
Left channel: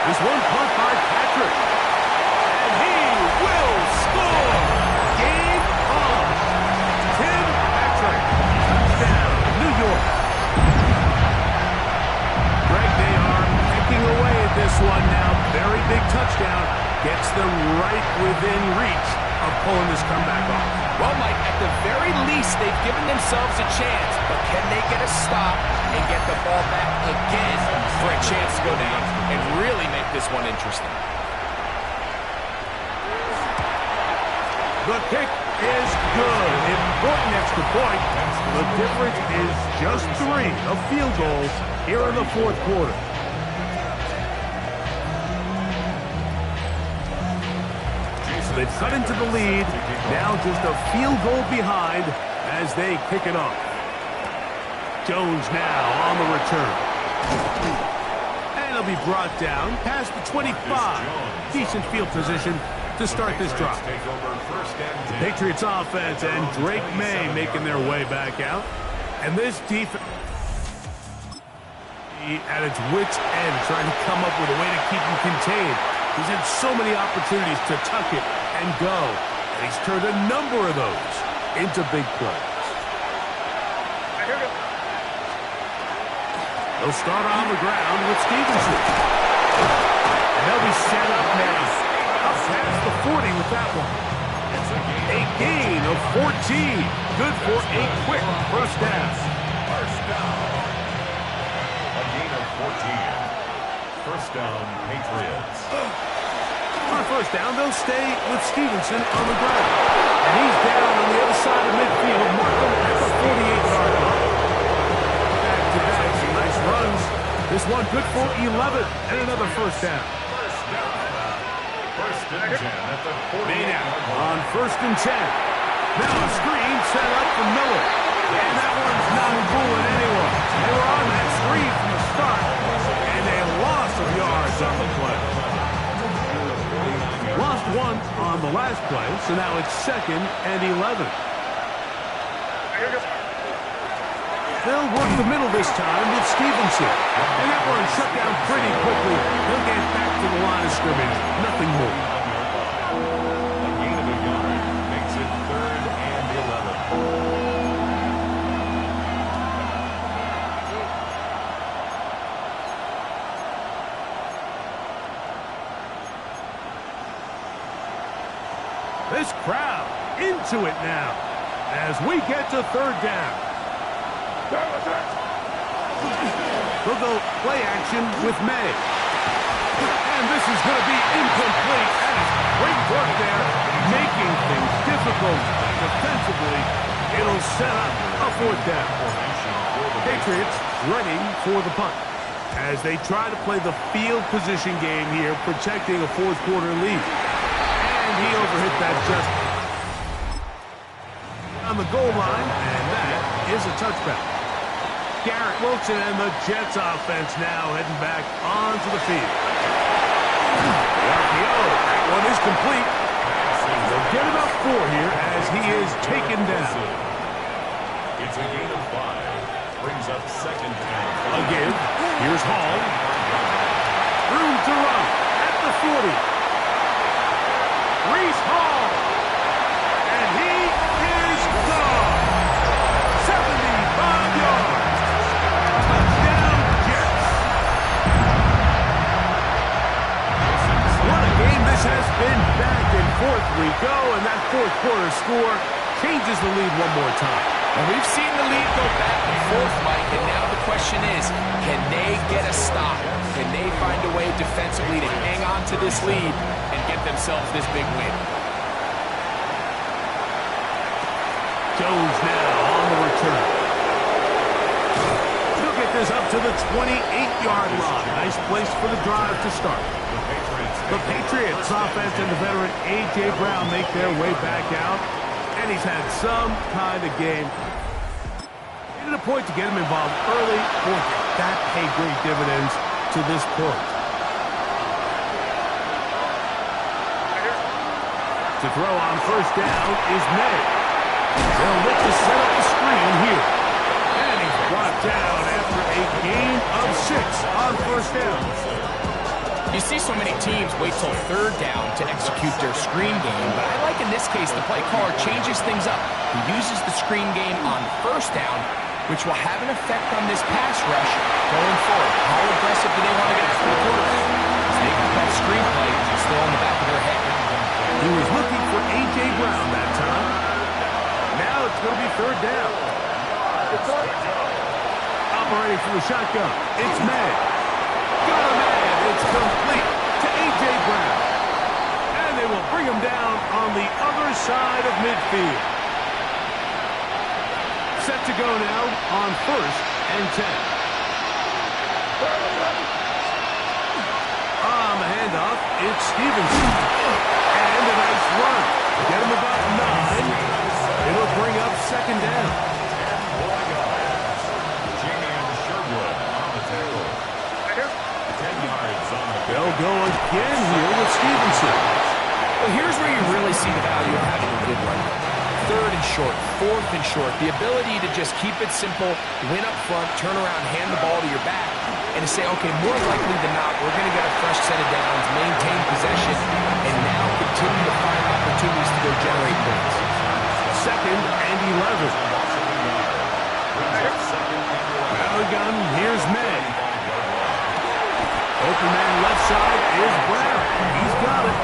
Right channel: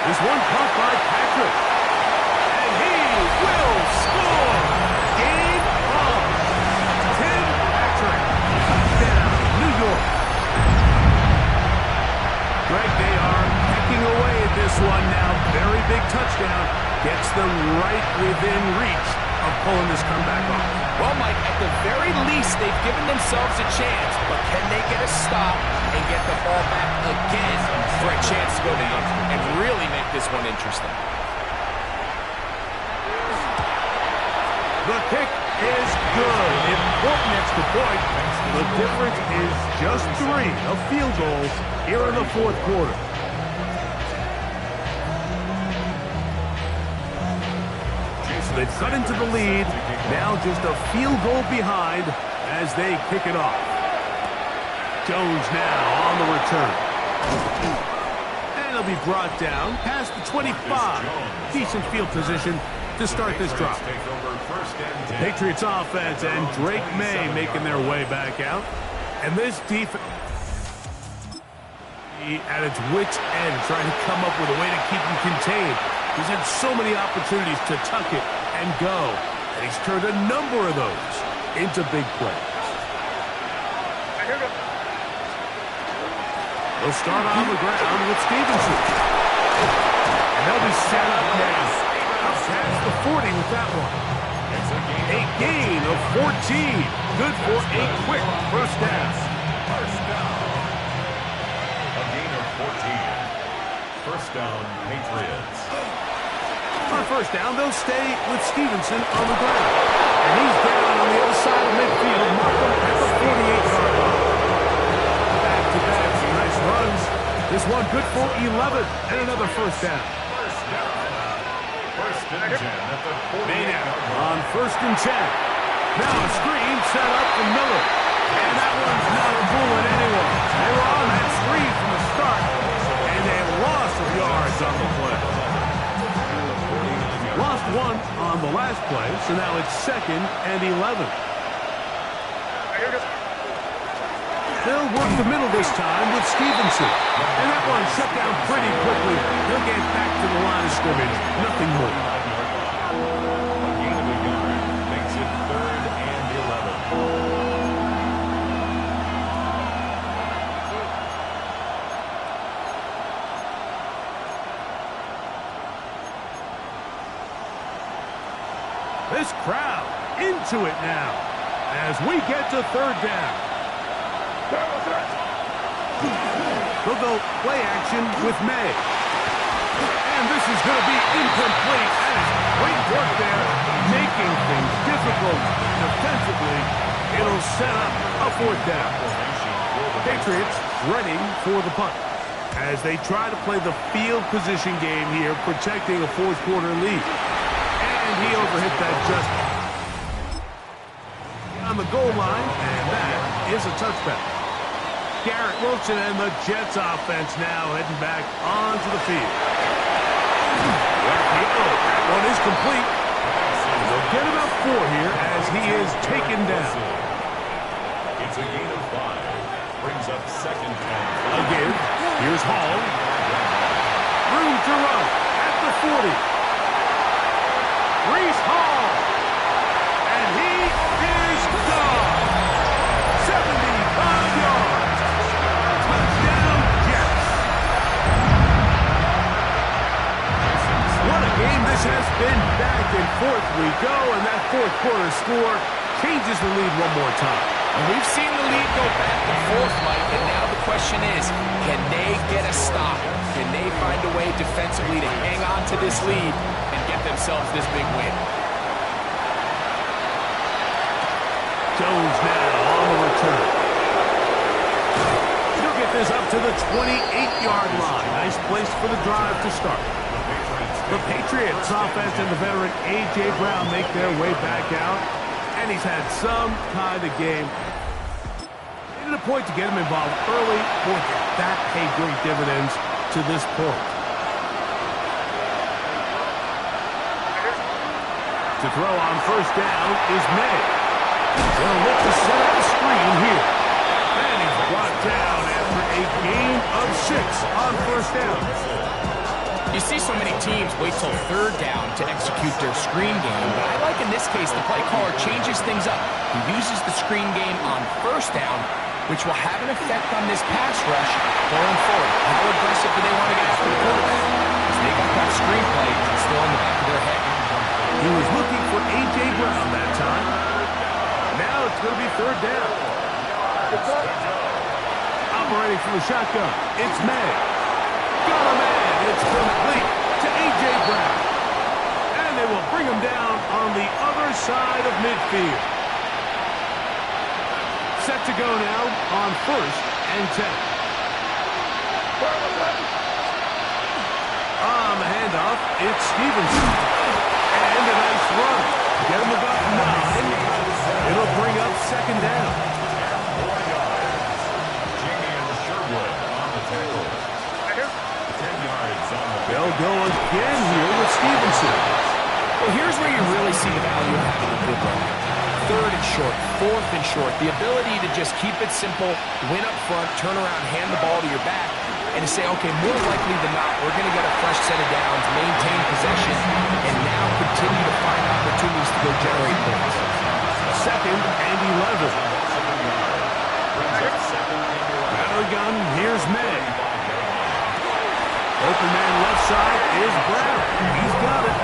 This one caught by Patrick. And he will score. Game on. Tim Patrick. Touchdown, New York. Greg, they are pecking away at this one now. Very big touchdown. Gets them right within reach of pulling this comeback off. Well, Mike, at the very least, they've given themselves a chance, but can they get a stop and get the ball back again for a chance to go down and really make this one interesting? The kick is good. Important extra point. The difference is just 3, a field goal here in the fourth quarter. They've cut into the lead. Now just a field goal behind as they kick it off. Jones now on the return. And he'll be brought down past the 25. Decent field position to start this drive. The Patriots offense and Drake May making their way back out. And this defense at its wit's end, trying to come up with a way to keep him contained. He's had so many opportunities to tuck it and go, and he's turned a number of those into big plays. They'll start on the ground with Stevenson. And they'll be set up now. Up past the 40 with that one. A gain of 14. Good for a quick first down. A gain of 14. First down, Patriots. On first down, they'll stay with Stevenson on the ground. And he's down on the other side of midfield, marked him at the 48-yard line. Back-to-back, some nice runs. This one good for 11 and another first down. First and 10 at the 48-yard line. On first and 10. Now a screen set up for Miller. And that one's not fooling anyone. They were on that screen from the start, and a loss of yards on the play. Lost one on the last play, so now it's 2nd and 11. They'll work the middle this time with Stevenson. And that one shut down pretty quickly. They'll get back to the line of scrimmage. Nothing more. A gain of a yard makes it 3rd and 11. This crowd into it now as we get to third down. They'll go play action with May. And this is going to be incomplete. That is great work there, making things difficult defensively. It'll set up a fourth down. Patriots ready for the punt as they try to play the field position game here, protecting a fourth quarter lead. And he overhit that just on the goal line, and that is a touchback. Garrett Wilson and the Jets offense now heading back onto the field. The RPO, that one is complete. They'll get about 4 here as he is taken down. It's a gain of 5. Brings up 2nd and 5. Again, here's Hall. Room to run at the 40. Reese Hall. And he is gone. 75 yards. Touchdown, Jets. What a game this has been. Back and forth we go, and that fourth quarter score changes the lead one more time. And we've seen the lead go back and forth, Mike, and now the question is, can they get a stop? Can they find a way defensively to hang on to this lead and get themselves this big win? Jones now on the return. He'll get this up to the 28-yard line. Nice place for the drive to start. The Patriots offense and the veteran A.J. Brown make their way back out. And he's had some kind of game. Made it a point to get him involved early. Boy, did that pay great dividends to this point. To To throw on first down is May. They'll look to set up the screen here. And he's brought down after a gain of 6 on first down. You see so many teams wait till third down to execute their screen game, but I like in this case the play caller changes things up. He uses the screen game on first down, which will have an effect on this pass rush going forward. How aggressive do they want to get after the quarterback? Because they got that screen play still in the back of their head. He was looking for A.J. Brown that time. Now it's going to be third down. Operating from the shotgun, it's May. Got a man. It's complete to A.J. Brown. And they will bring him down on the other side of midfield. Set to go now on first and 10. On the handoff, it's Stevenson. And a nice run. Get him about 9. It'll bring up second down. 10 more yards. Jamie and Sherwood on the tackle. 10 yards on the They'll go again here with Stevenson. Well, here's where you really see the value of having a good run. Third and short, fourth and short. The ability to just keep it simple, win up front, turn around, hand the ball to your back, and to say, okay, more likely than not, we're going to get a fresh set of downs, maintain possession, and now continue to find opportunities to go generate points. Second and 11. Out of the gun, here's May. Open man left side is Brown. He's got it.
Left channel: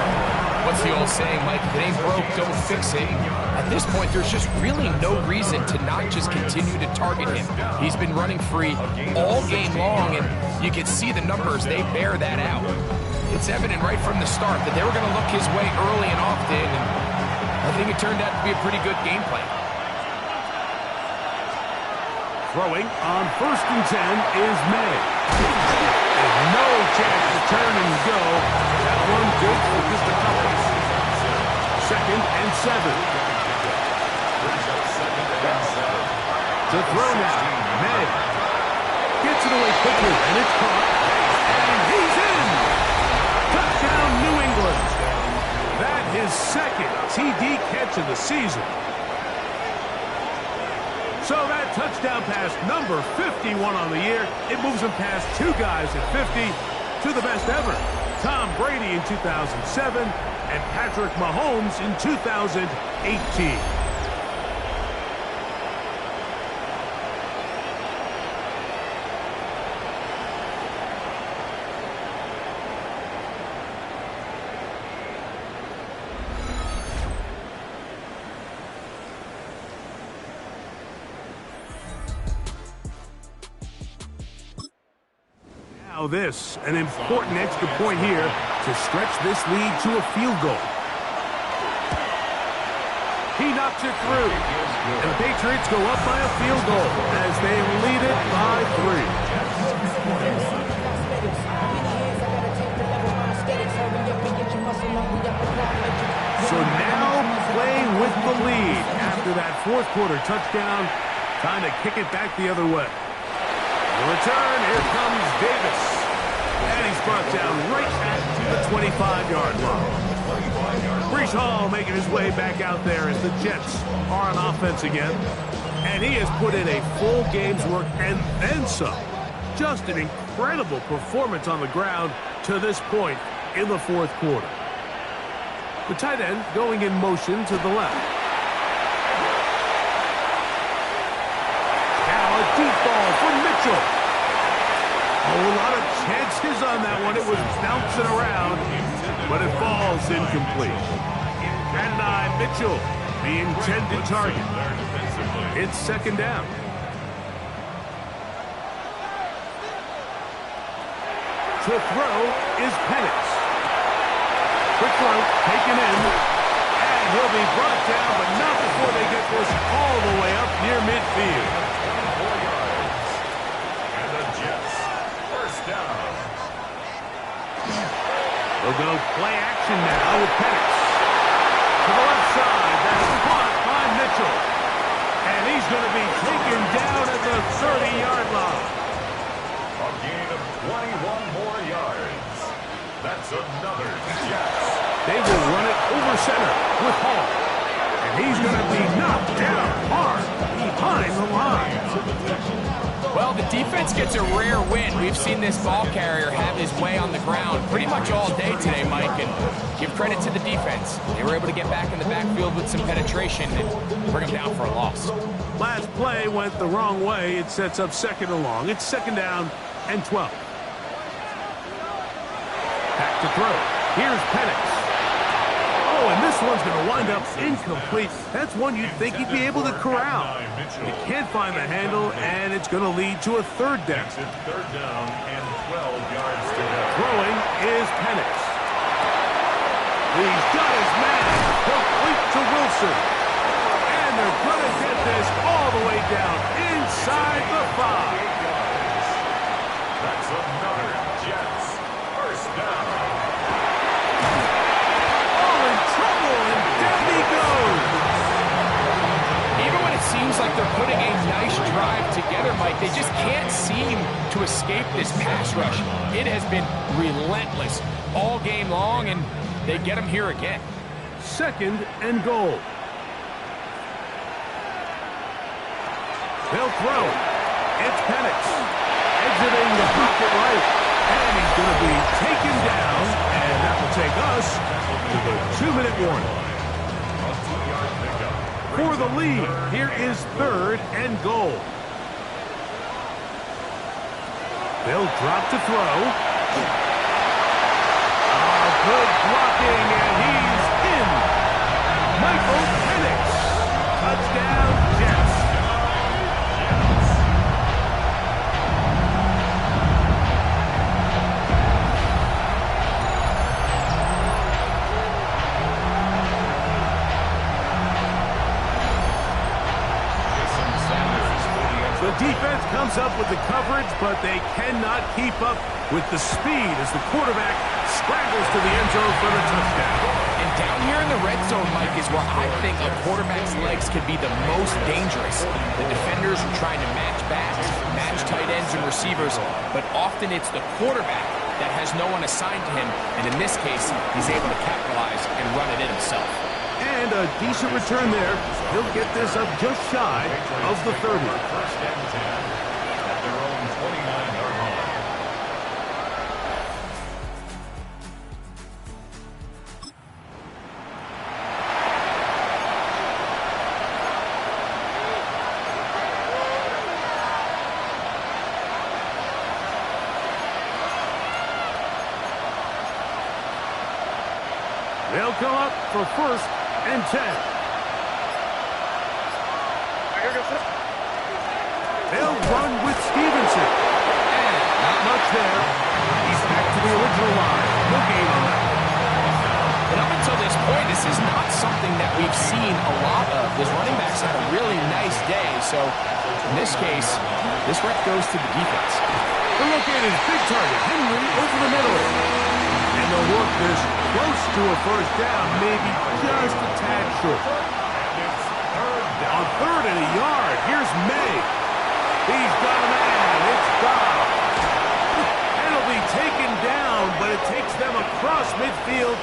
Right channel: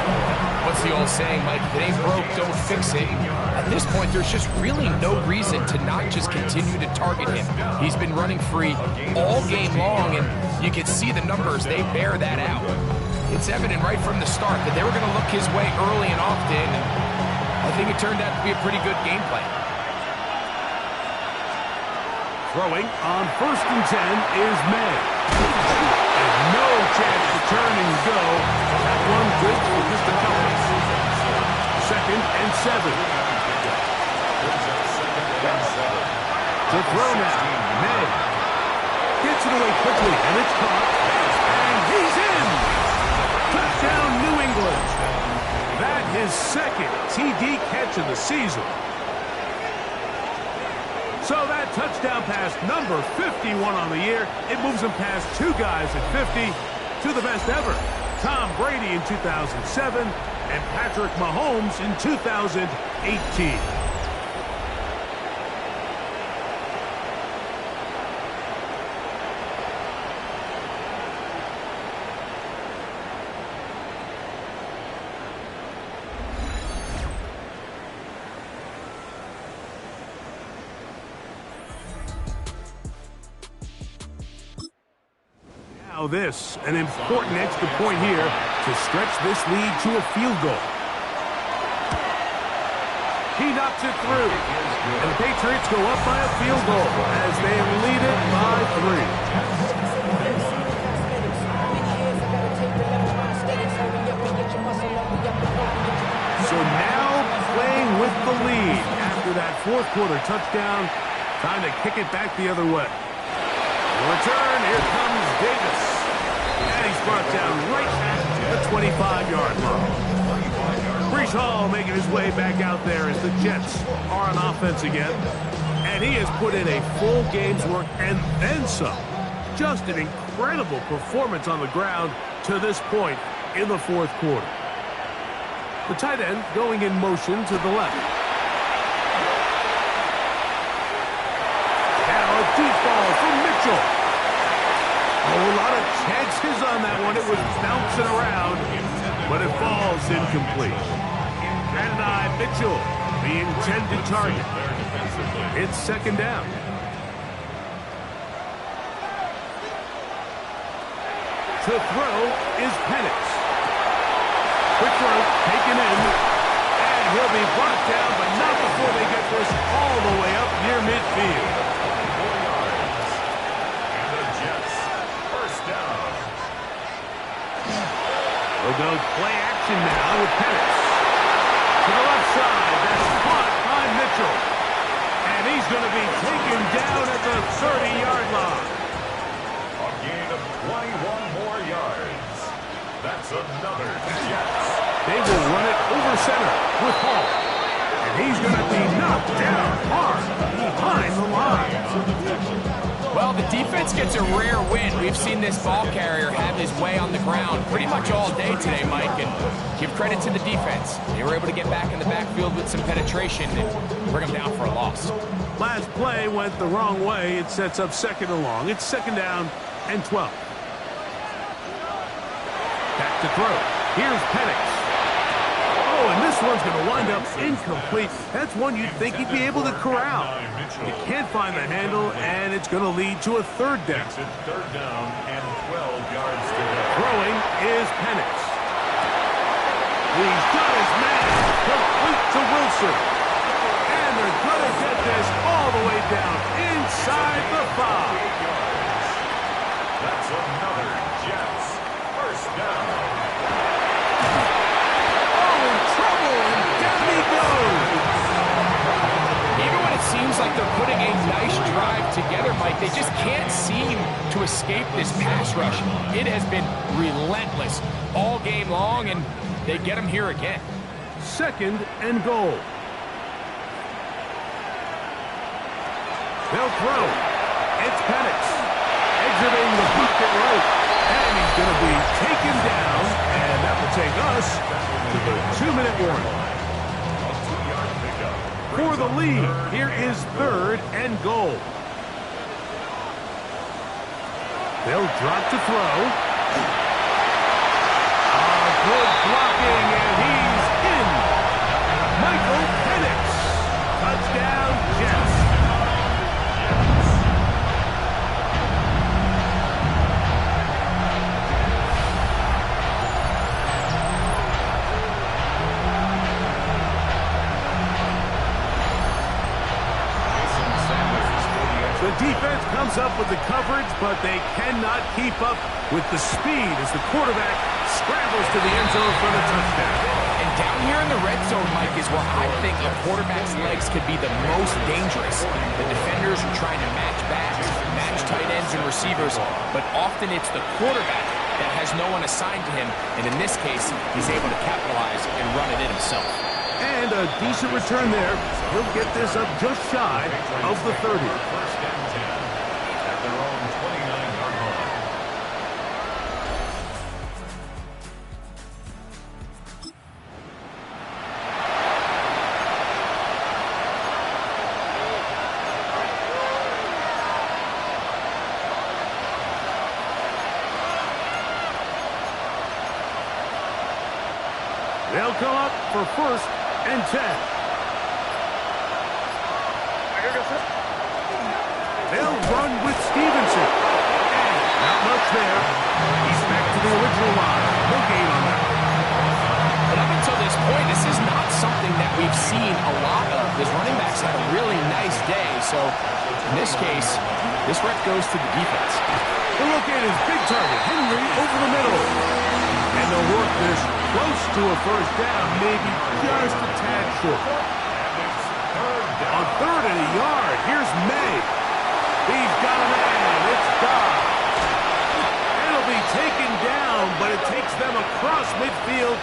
What's the old saying, Mike? If it ain't broke, don't fix it. At this point, there's just really no reason to not just continue to target him. He's been running free all game long, and you can see the numbers. They bear that out. It's evident right from the start that they were going to look his way early and often, and I think it turned out to be a pretty good game plan. Throwing on first and 10 is May. And no chance to turn and go. That one good for just a couple. Second and 7. To throw now, May. Gets it away quickly, and it's caught. And he's in! Touchdown, New England. That his second TD catch of the season. So that touchdown pass, number 51 on the year, it moves him past 2 guys at 50 to the best ever. Tom Brady in 2007 and Patrick Mahomes in 2018. Now this, an important extra point here to stretch this lead to a field goal. He knocks it through, and the Patriots go up by a field goal as they lead it by 3. So now playing with the lead after that fourth quarter touchdown, time to kick it back the other way. The return, here comes Davis. And he's brought down right at the 25-yard line. Breece Hall making his way back out there as the Jets are on offense again. And he has put in a full game's work and then some. Just an incredible performance on the ground to this point in the fourth quarter. The tight end going in motion to the left. Now a deep ball for Mitchell. A whole lot of chances on that one. It was bouncing around, but it falls incomplete. And Mitchell, the intended target. It's second down. To throw is Penix. Quick throw, taken in, and he'll be brought down, but not before they get this all the way up near midfield. 4 yards. And the Jets, first down. We'll go play action now with Penix. To the left side, that's caught by Mitchell. And he's going to be taken down at the 30-yard line. A gain of 21 more yards. That's another Jets They will run it over center with Hall. And he's going to be knocked down hard behind the line. Well, the defense gets a rare win. We've seen this ball carrier have his way on the ground pretty much all day today, Mike, and give credit to the defense. They were able to get back in the backfield with some penetration and bring them down for a loss. Last play went the wrong way. It sets up 2nd and long. It's 2nd down and 12. Back to throw. Here's Penix. Oh, and this one's going to wind up incomplete. That's one you'd think he'd be able to corral. He can't find the handle, and it's going to lead to a 3rd down. 3rd down and 12 yards to go. Throwing is Penix. He's got his man complete to Wilson. And they're going to get this all the way down inside the 5. That's another Jets 1st down. In trouble, and down he goes. Even when it seems like they're putting a nice drive together, Mike, they just can't seem to escape this pass rush. It has been relentless all game long, and they get them here again. 2nd and goal. They'll throw. It's Penix exiting the pocket right. And he's going to be taken down, and that will take us to the 2-minute warning. A 2-yard pickup. For the lead, here is 3rd and goal. They'll drop to throw. Good blocking, and he's in. Michael Penix. Touchdown, Jets. The defense comes up with the coverage, but they cannot keep up with the speed as the quarterback scrambles to the end zone for the touchdown. And down here in the red zone, Mike, is where I think a quarterback's legs could be the most dangerous. The defenders are trying to match backs, match tight ends and receivers, but often it's the quarterback that has no one assigned to him, and in this case, he's able to capitalize and run it in himself. And a decent return there. He'll get this up just shy of the 30. 1st and 10 at their own 29-yard line. They'll come up for 1st and 10. They'll run with Stevenson. And not much there. He's back to the original line. No gain on that. But up until this point, this is not something that we've seen a lot of. His running backs had a really nice day. So in this case, this rep goes to the defense. The look at his big target, Henry, over the middle. And they'll work this close to a 1st down, maybe just a tad short. On 3rd and a yard, here's May. He's got a man. It's Dobb. And it'll be taken down, but it takes them across midfield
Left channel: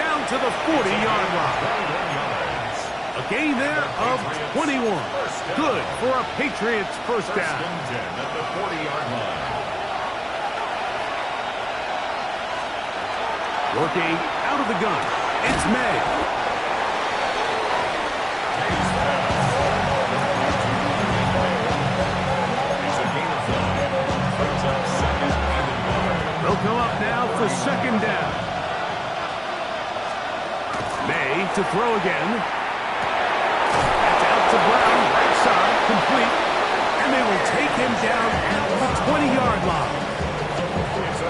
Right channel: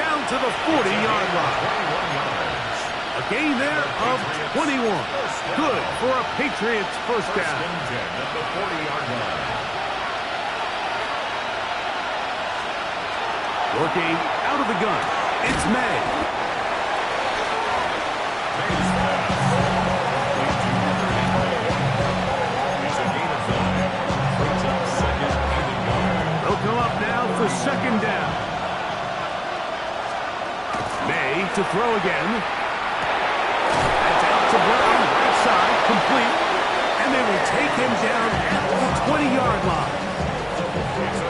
down to the 40-yard line. A gain there of 21. Good for a Patriots 1st down. 1st and 10 at the 40-yard line. Working out of the gun, it's May. May's pass. Complete to underneath. It's a gain of 5. Brings up 2nd and yard. They'll come up now for 2nd down. May to throw again. That's out to Brown, right side, complete. And they will take him down at the 20-yard line.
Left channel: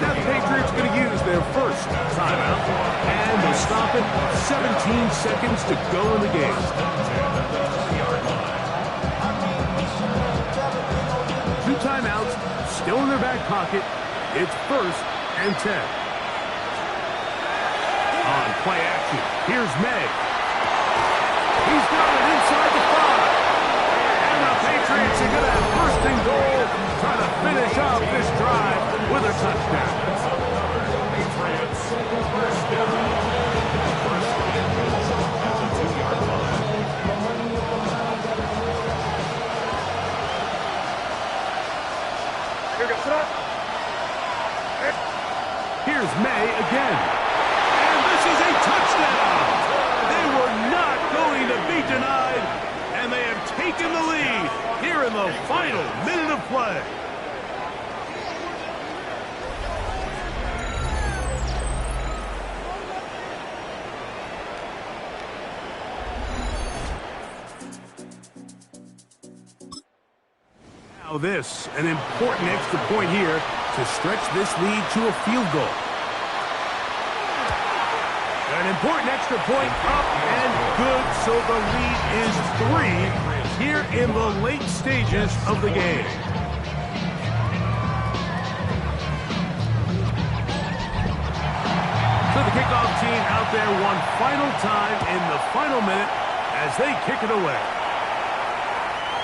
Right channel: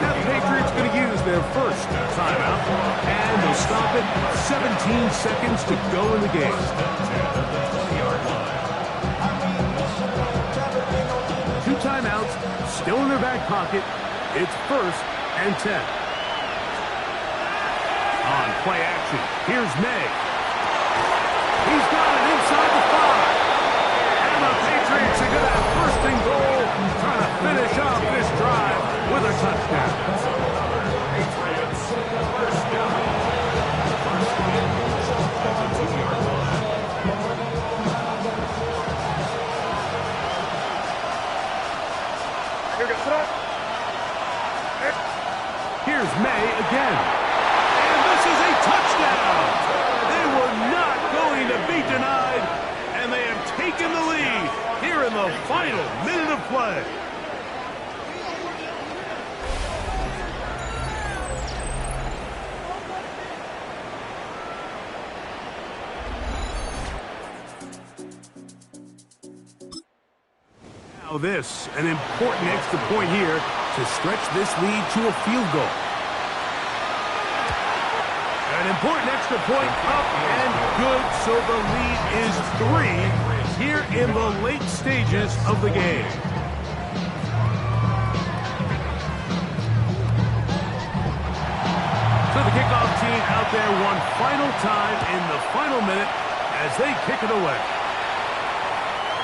Now the Patriots going to use their 1st timeout, and they'll stop it. 17 seconds to go in the game. 2 timeouts still in their back pocket. It's 1st and 10. On play action, here's May. He's got it inside the 5. And the Patriots are going to have 1st and goal, trying to finish off this drive with a touchdown. Patriots 1st down. going to be denied, and they have taken the lead here in the final minute of play. Now this, an important extra point here to stretch this lead to a field goal. An important extra point up and good, so the lead is 3 here in the late stages of the game. So the kickoff team out there one final time in the final minute as they kick it away.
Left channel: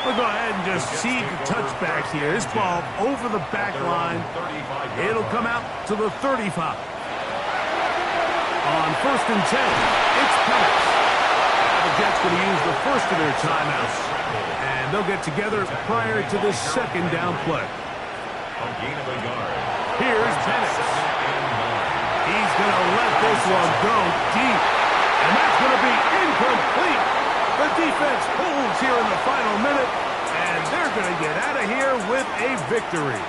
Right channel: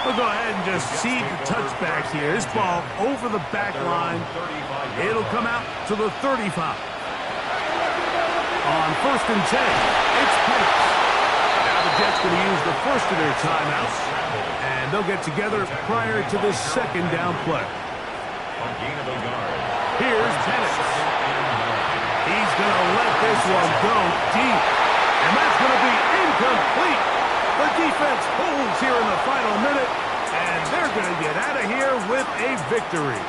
We'll go ahead and just see the touchbacks here. This ball over the back line. It'll come out to the 35. On 1st and 10, it's Penix. Now the Jets going to use the first of their timeouts, and they'll get together prior to the second down play. Here's Penix. He's going to let this one go deep, and that's going to be incomplete. The defense holds here in the final minute, and they're going to get out of here with a victory.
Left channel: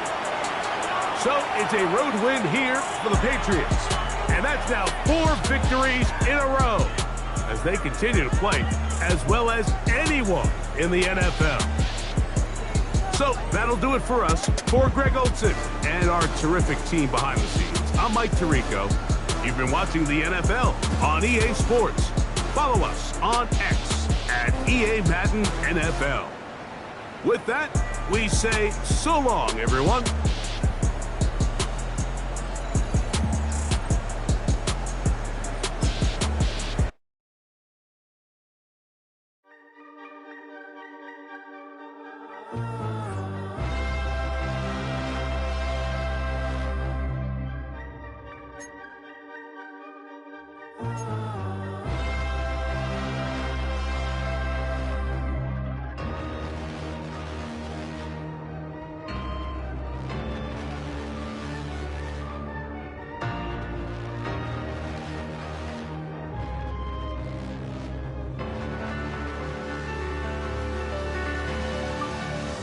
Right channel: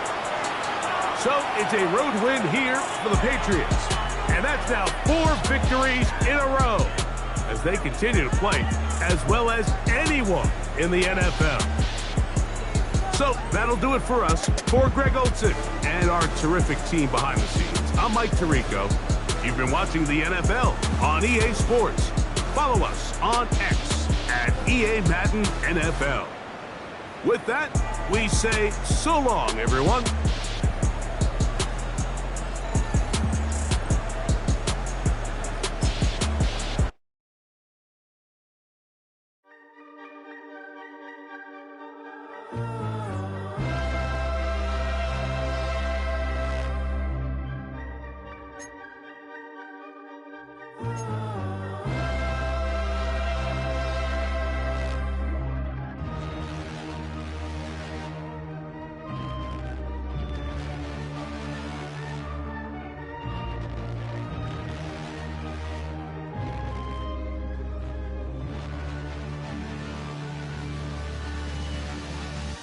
So it's a road win here for the Patriots. And that's now 4 victories in a row as they continue to play as well as anyone in the NFL. So that'll do it for us. For Greg Olsen and our terrific team behind the scenes, I'm Mike Tirico. You've been watching the NFL on EA Sports. Follow us on X at EA Madden NFL. With that, we say so long, everyone.